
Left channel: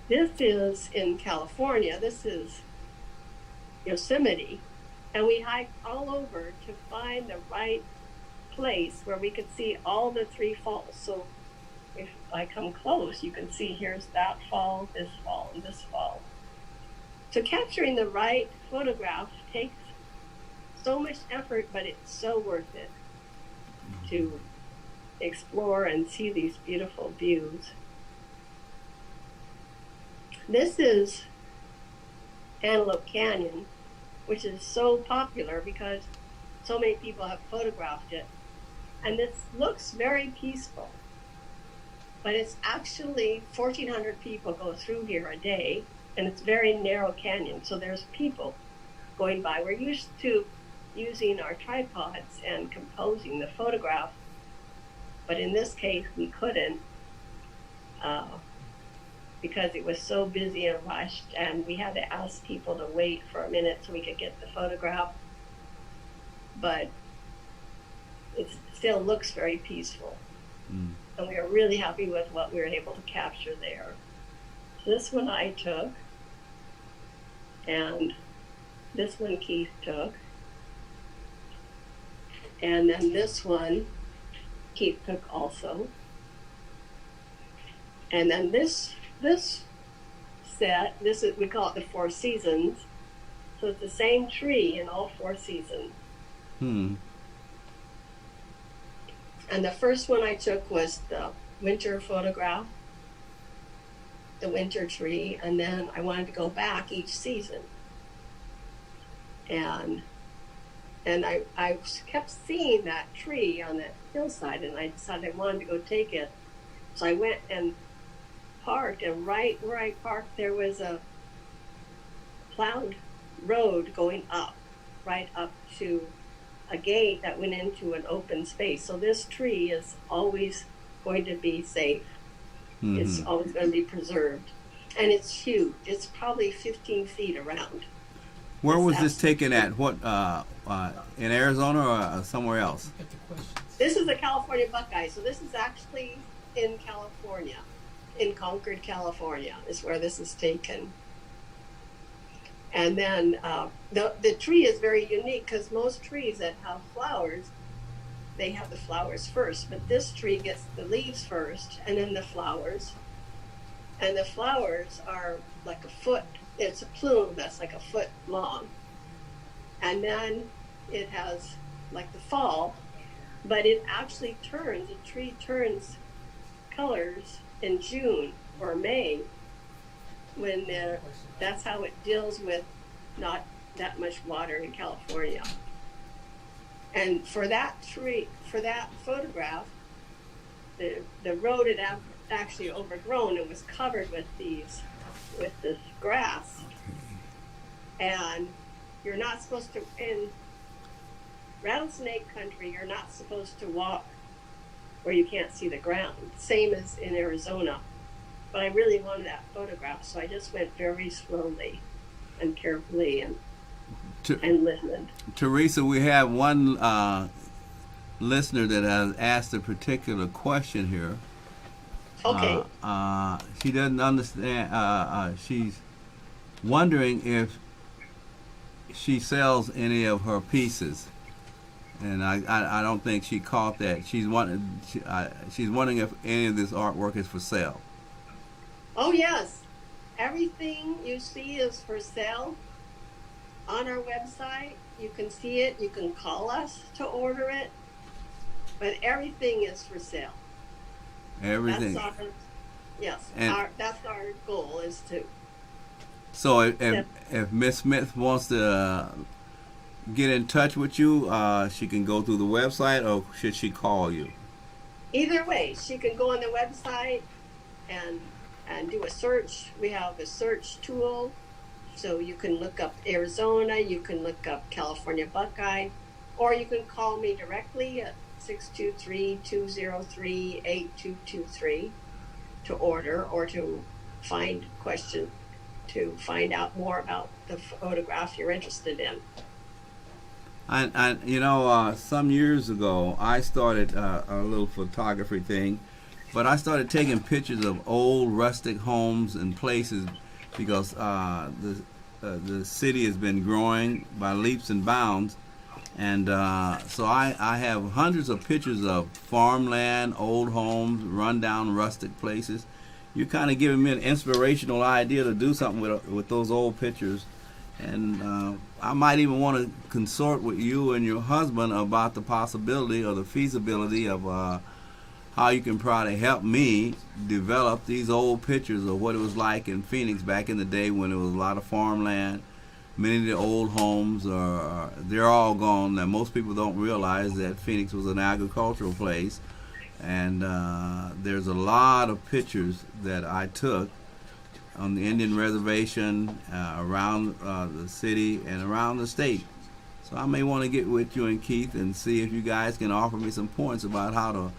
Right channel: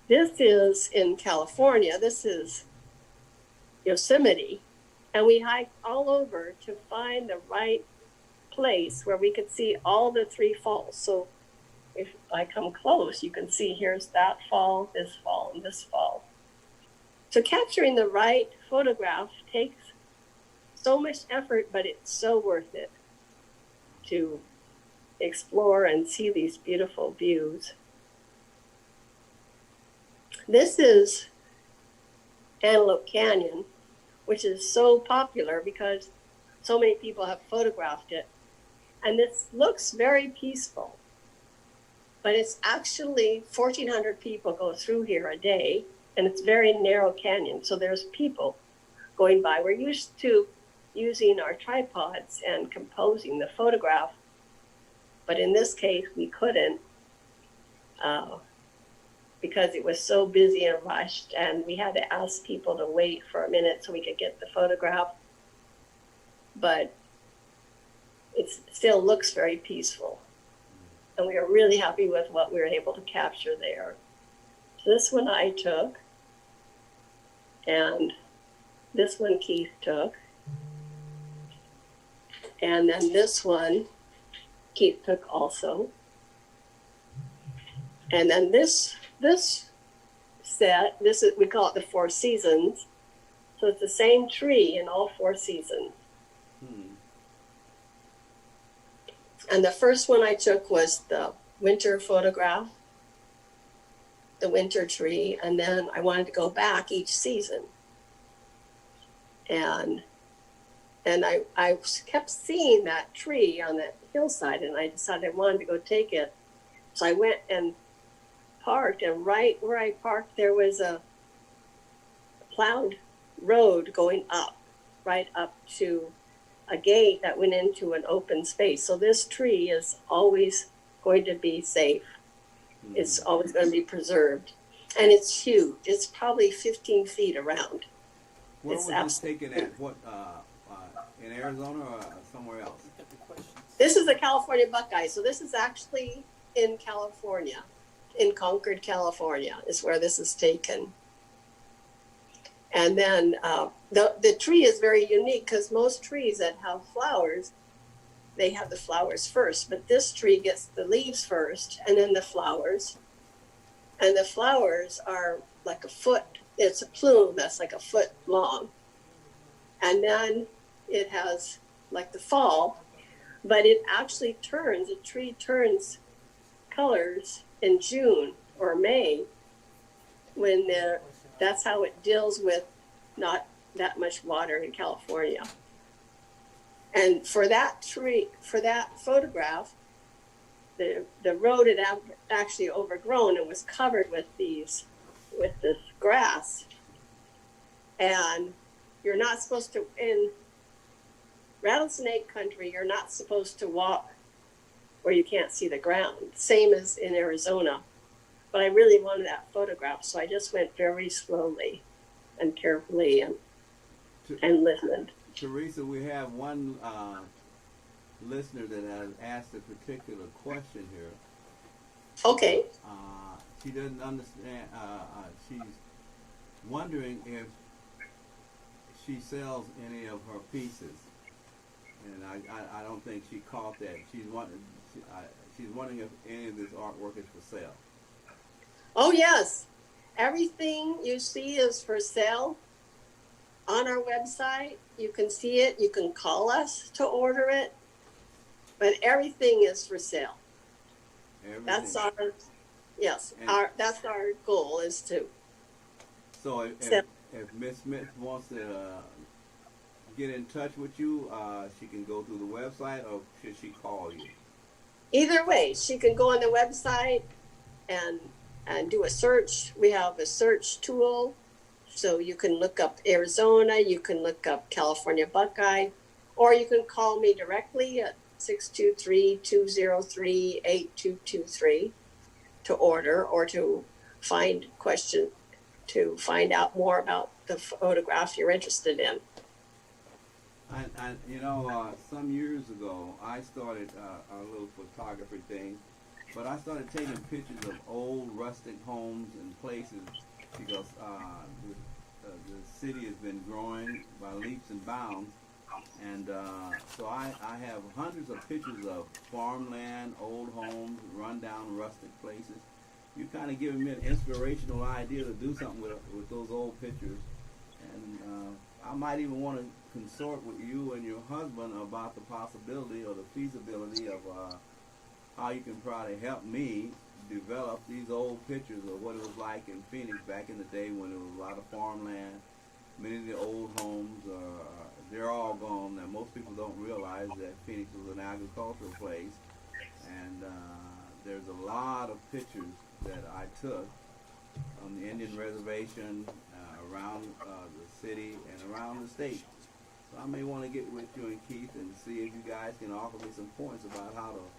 this is in California. This is Yosemite. And we hiked all over to find the right place where we could see all the 3 falls. So if I come close, you can see here's that fall, and this fall. So capturing the right photograph takes so much effort, but it's so worth it to explore and see these beautiful views. This is Antelope Canyon, which is so popular because so many people have photographed it. And this looks very peaceful, but it's actually 1,400 people go through here a day, and it's very narrow canyon, so there's people going by. We're used to using our tripods and composing the photograph, but in this case we couldn't because it was so busy and rushed, and we had to ask people to wait for a minute so we could get the photograph. But it still looks very peaceful. And we are really happy with what we were able to capture there. So this one I took, and this one Keith took, and then this one Keith took also. And then this set, we call it the 4 seasons. So it's the same tree in all 4 seasons. And the first one I took was the winter photograph, the winter tree, and then I wanted to go back each season. And I kept seeing that tree on the hillside, and I decided I wanted to go take it. So I went and parked, and right where I parked there was a plowed road going up, right up to a gate that went into an open space. So this tree is always going to be safe. It's always going to be preserved. And it's huge. It's probably 15 feet around. Where was this taken at? What, in Arizona or somewhere else? This is the California Buckeye. So this is actually in California, in Concord, California, is where this is taken. And then the tree is very unique because most trees that have flowers, they have the flowers first. But this tree gets the leaves first and then the flowers. And the flowers are like a foot. It's a plume that's like a foot long. And then it has like the fall, but it actually turns, the tree turns colors in June or May when that's how it deals with not that much water in California. And for that tree, for that photograph, the road had actually overgrown and was covered with this grass. And you're not supposed to, in rattlesnake country, you're not supposed to walk where you can't see the ground, same as in Arizona. But I really wanted that photograph, so I just went very slowly and carefully and listened. Teresa, we have one listener that has asked a particular question here. Okay. She doesn't understand. She's wondering if she sells any of her pieces, and I don't think she caught that. She's wondering if any of this artwork is for sale. Oh yes, everything you see is for sale on our website. You can see it. You can call us to order it, but everything is for sale. Everything. That's our goal is to. So if Miss Smith wants to get in touch with you, she can go through the website, or should she call you? Either way, she can go on the website and do a search. We have a search tool, so you can look up Arizona, you can look up California Buckeye, or you can call me directly at 623-203-8223 to order or to find out more about the photograph you're interested in. And some years ago, I started a little photography thing, but I started taking pictures of old rustic homes and places because the city has been growing by leaps and bounds, and so I have hundreds of pictures of farmland, old homes, rundown rustic places. You're kind of giving me an inspirational idea to do something with those old pictures, and I might even want to consort with you and your husband about the possibility or the feasibility of how you can probably help me develop these old pictures of what it was like in Phoenix back in the day when there was a lot of farmland. Many of the old homes they're all gone. Now most people don't realize that Phoenix was an agricultural place, and there's a lot of pictures that I took on the Indian reservation, around the city and around the state. So I may want to get with you and Keith and see if you guys can offer me some points about how to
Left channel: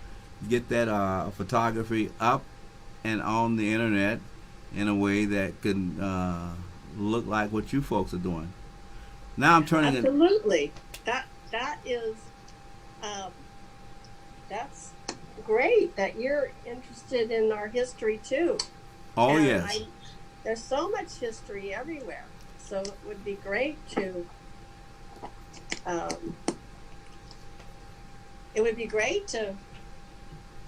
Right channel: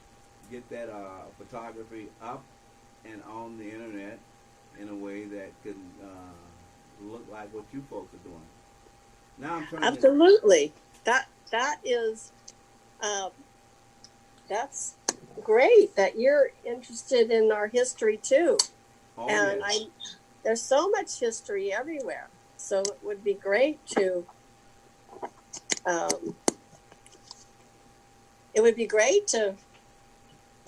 get that photography up and on the internet in a way that could look like what you folks are doing. Now I'm turning it. Absolutely. That is that's great that you're interested in our history too. Oh, and yes. There's so much history everywhere, so it would be great to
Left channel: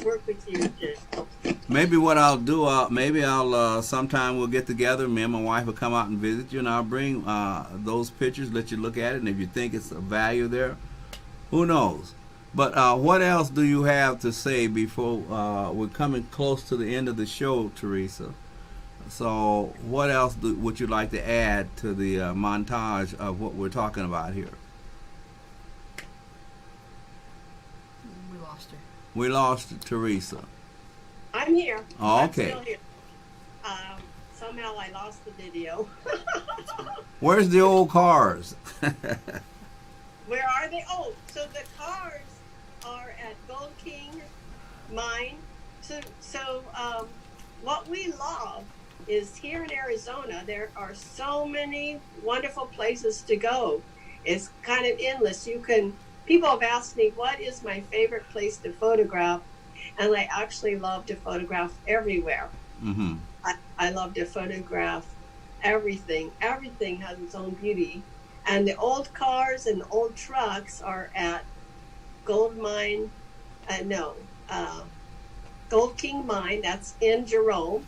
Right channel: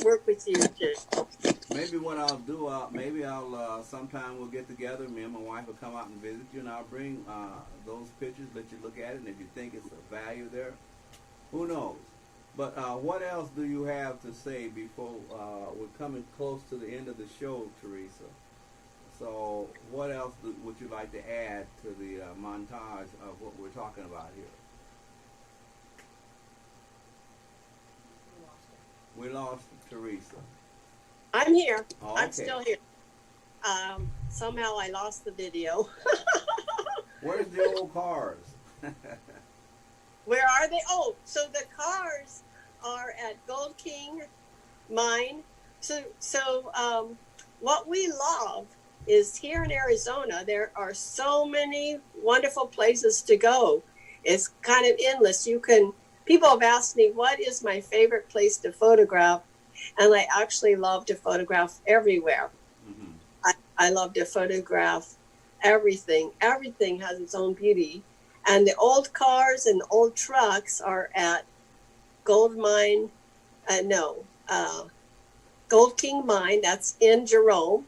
work with you to. Maybe what I'll do, sometime we'll get together. Me and my wife will come out and visit you, and I'll bring those pictures, let you look at it, and if you think it's a value there, who knows? But what else do you have to say before we're coming close to the end of the show, Teresa? So what else would you like to add to the montage of what we're talking about here? We lost her. We lost Teresa. I'm here. Oh, I'm okay. still here. Somehow I lost the video. Where's the old cars? Where are they? Oh, so the cars are at Gold King Mine. So what we love is here in Arizona, there are so many wonderful places to go. It's kind of endless. People have asked me, what is my favorite place to photograph? And I actually love to photograph everywhere. Mm-hmm. I love to photograph everything. Everything has its own beauty. And the old cars and the old trucks are at Gold King Mine. That's in Jerome.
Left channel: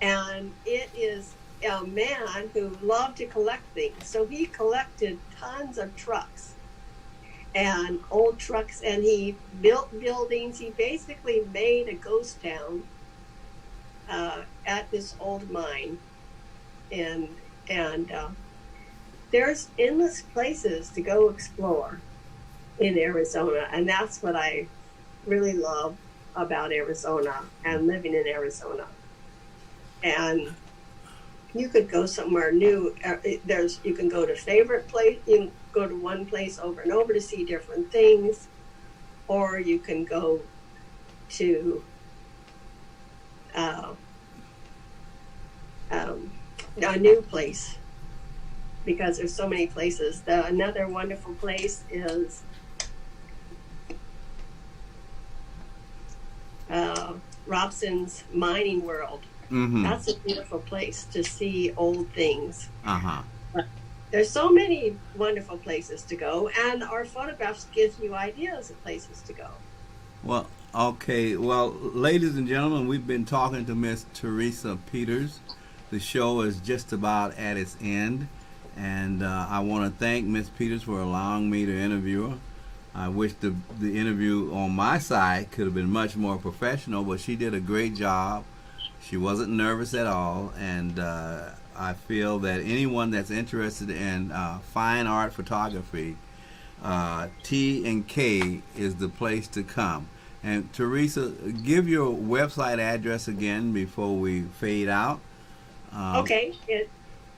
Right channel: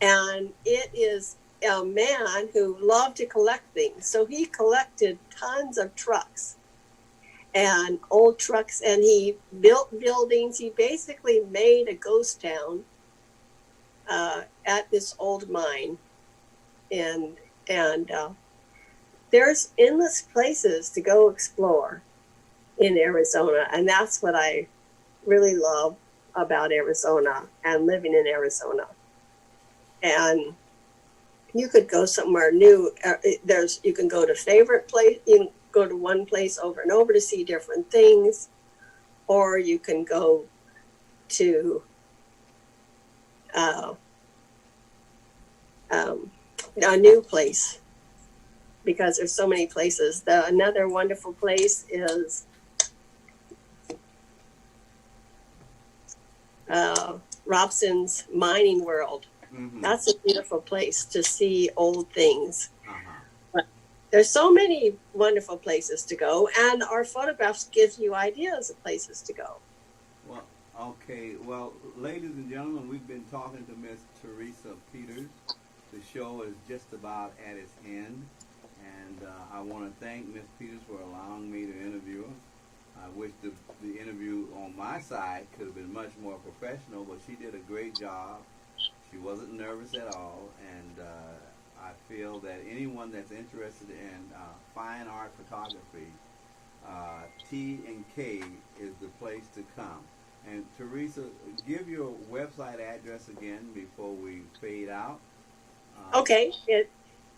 And it is a man who loved to collect things. So he collected tons of trucks and old trucks, and he built buildings. He basically made a ghost town at this old mine. And there's endless places to go explore in Arizona, and that's what I really love about Arizona and living in Arizona. And you could go somewhere new. You can go to favorite place. You can go to one place over and over to see different things, or you can go to a new place, because there's so many places. Another wonderful place is Robson's Mining World. Mm-hmm. That's a beautiful place to see old things. Uh-huh. But there's so many wonderful places to go, and our photographs give you ideas of places to go. Well, okay. Well, ladies and gentlemen, we've been talking to Miss Teresa Peters. The show is just about at its end, and I want to thank Miss Peters for allowing me to interview her. I wish the interview on my side could have been much more professional, but she did a great job. She wasn't nervous at all, and I feel that anyone that's interested in fine art photography, T&K is the place to come. And Teresa, give your website address again before we fade out. Okay, it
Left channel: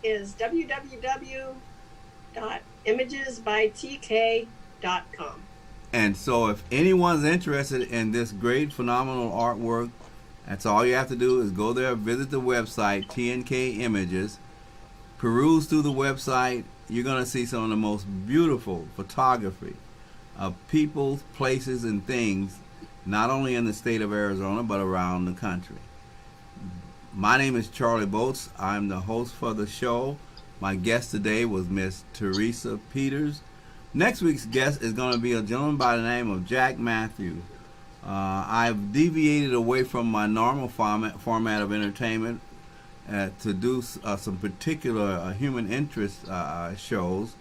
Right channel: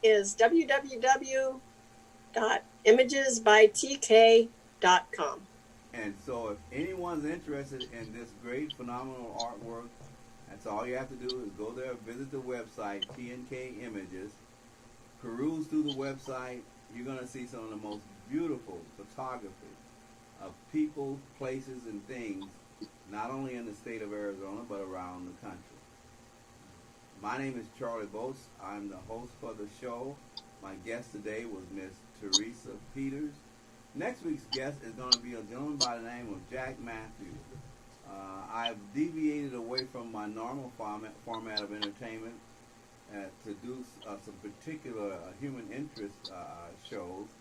is www.imagesbytk.com. And so if anyone's interested in this great, phenomenal artwork, that's all you have to do is go there, visit the website, T&K Images, peruse through the website. You're going to see some of the most beautiful photography of people, places, and things, not only in the state of Arizona, but around the country. My name is Charlie Boats. I'm the host for the show. My guest today was Miss Teresa Peters. Next week's guest is going to be a gentleman by the name of Jack Matthews. I've deviated away from my normal format of entertainment to do some particular human interest shows.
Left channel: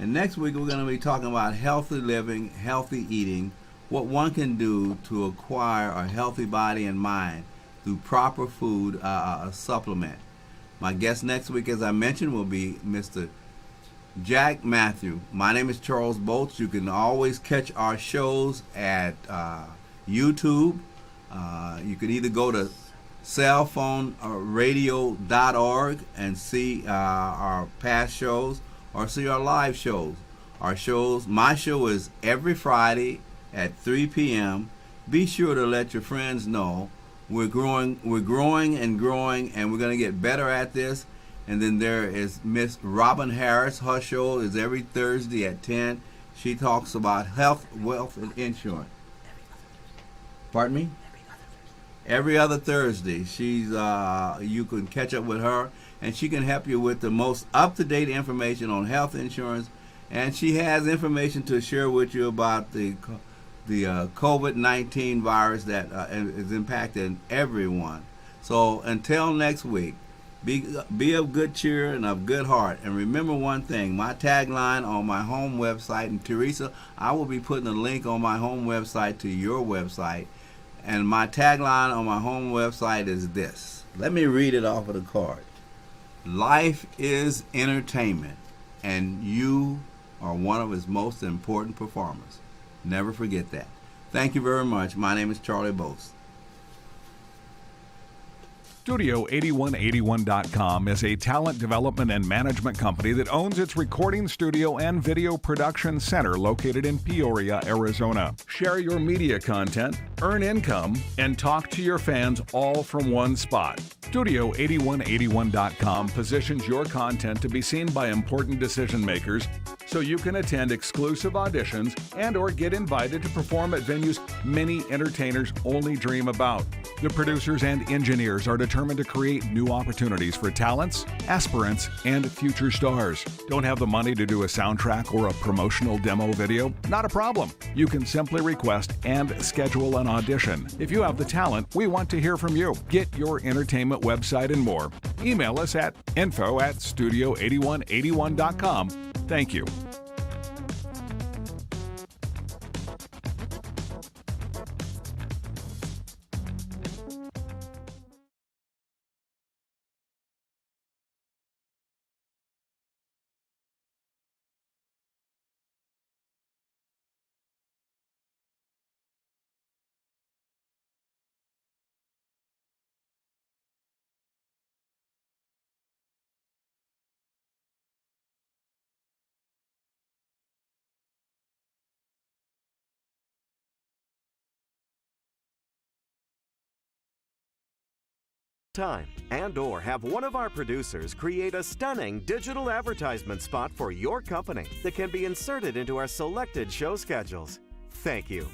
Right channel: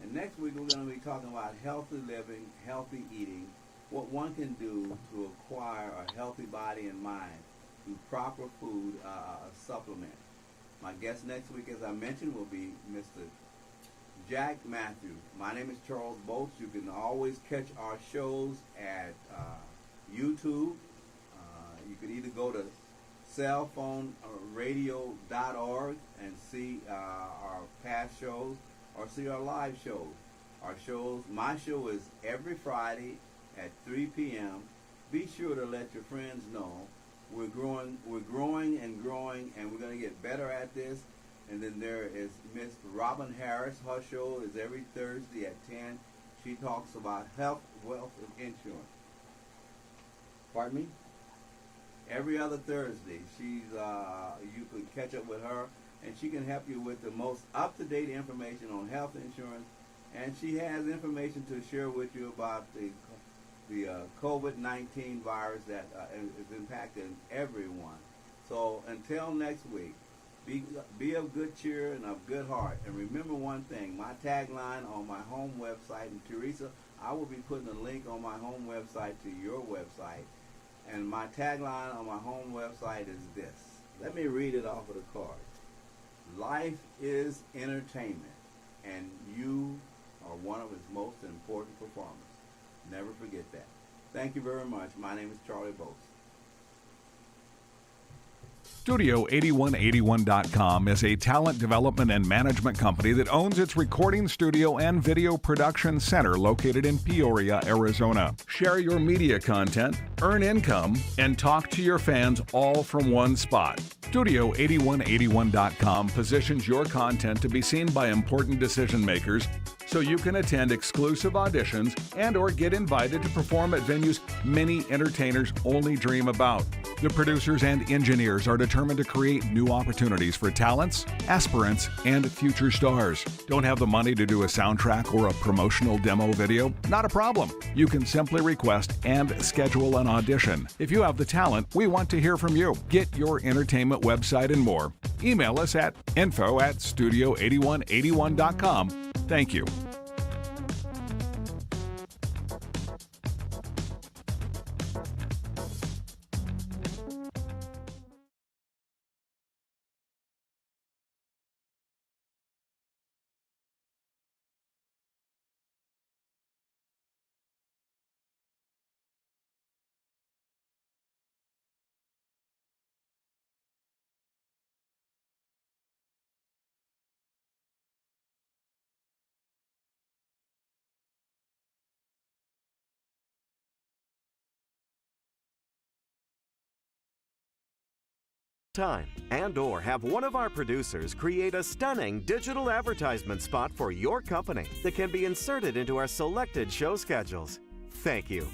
And next week we're going to be talking about healthy living, healthy eating, what one can do to acquire a healthy body and mind through proper food supplement. My guest next week, as I mentioned, will be Mr. Jack Matthew. My name is Charles Bolts. You can always catch our shows at YouTube. You can either go to cellphoneradio.org and see our past shows or see our live shows. My show is every Friday at 3 p.m. Be sure to let your friends know. We're growing and growing, and we're going to get better at this. And then there is Miss Robin Harris. Her show is every Thursday at 10. She talks about health, wealth, and insurance. Pardon me? Every other Thursday. She's you can catch up with her, and she can help you with the most up-to-date information on health insurance. And she has information to share with you about the COVID-19 virus that is impacting everyone. So until next week, be of good cheer and of good heart. And remember one thing, my tagline on my home website, and Teresa, I will be putting a link on my home website to your website. And my tagline on my home website is this. Let me read it off of the card. Life is entertainment, and you are one of its most important performers. Never forget that. Thank you very much. My name is Charlie Bolts. Studio8181.com is a talent development and management company that owns its recording studio and video production center located in Peoria, Arizona. Share your media content, earn income, and talk to your fans all from one spot. Studio8181.com positions your content to be seen by important decision makers so you can attend exclusive auditions and or get invited to perform at venues many entertainers only dream about. The producers and engineers are determined to create new opportunities for talents, aspirants, and future stars. Don't have the money to do a soundtrack or a promotional demo video? Not a problem. You can simply request and schedule an audition. If you have the talent, we want to hear from you. Get your entertainment website and more. Email us at info@studio8181.com. Thank you. Time and or have one of our producers create a stunning digital advertisement spot for your company that can be inserted into our selected show schedules. Thank you.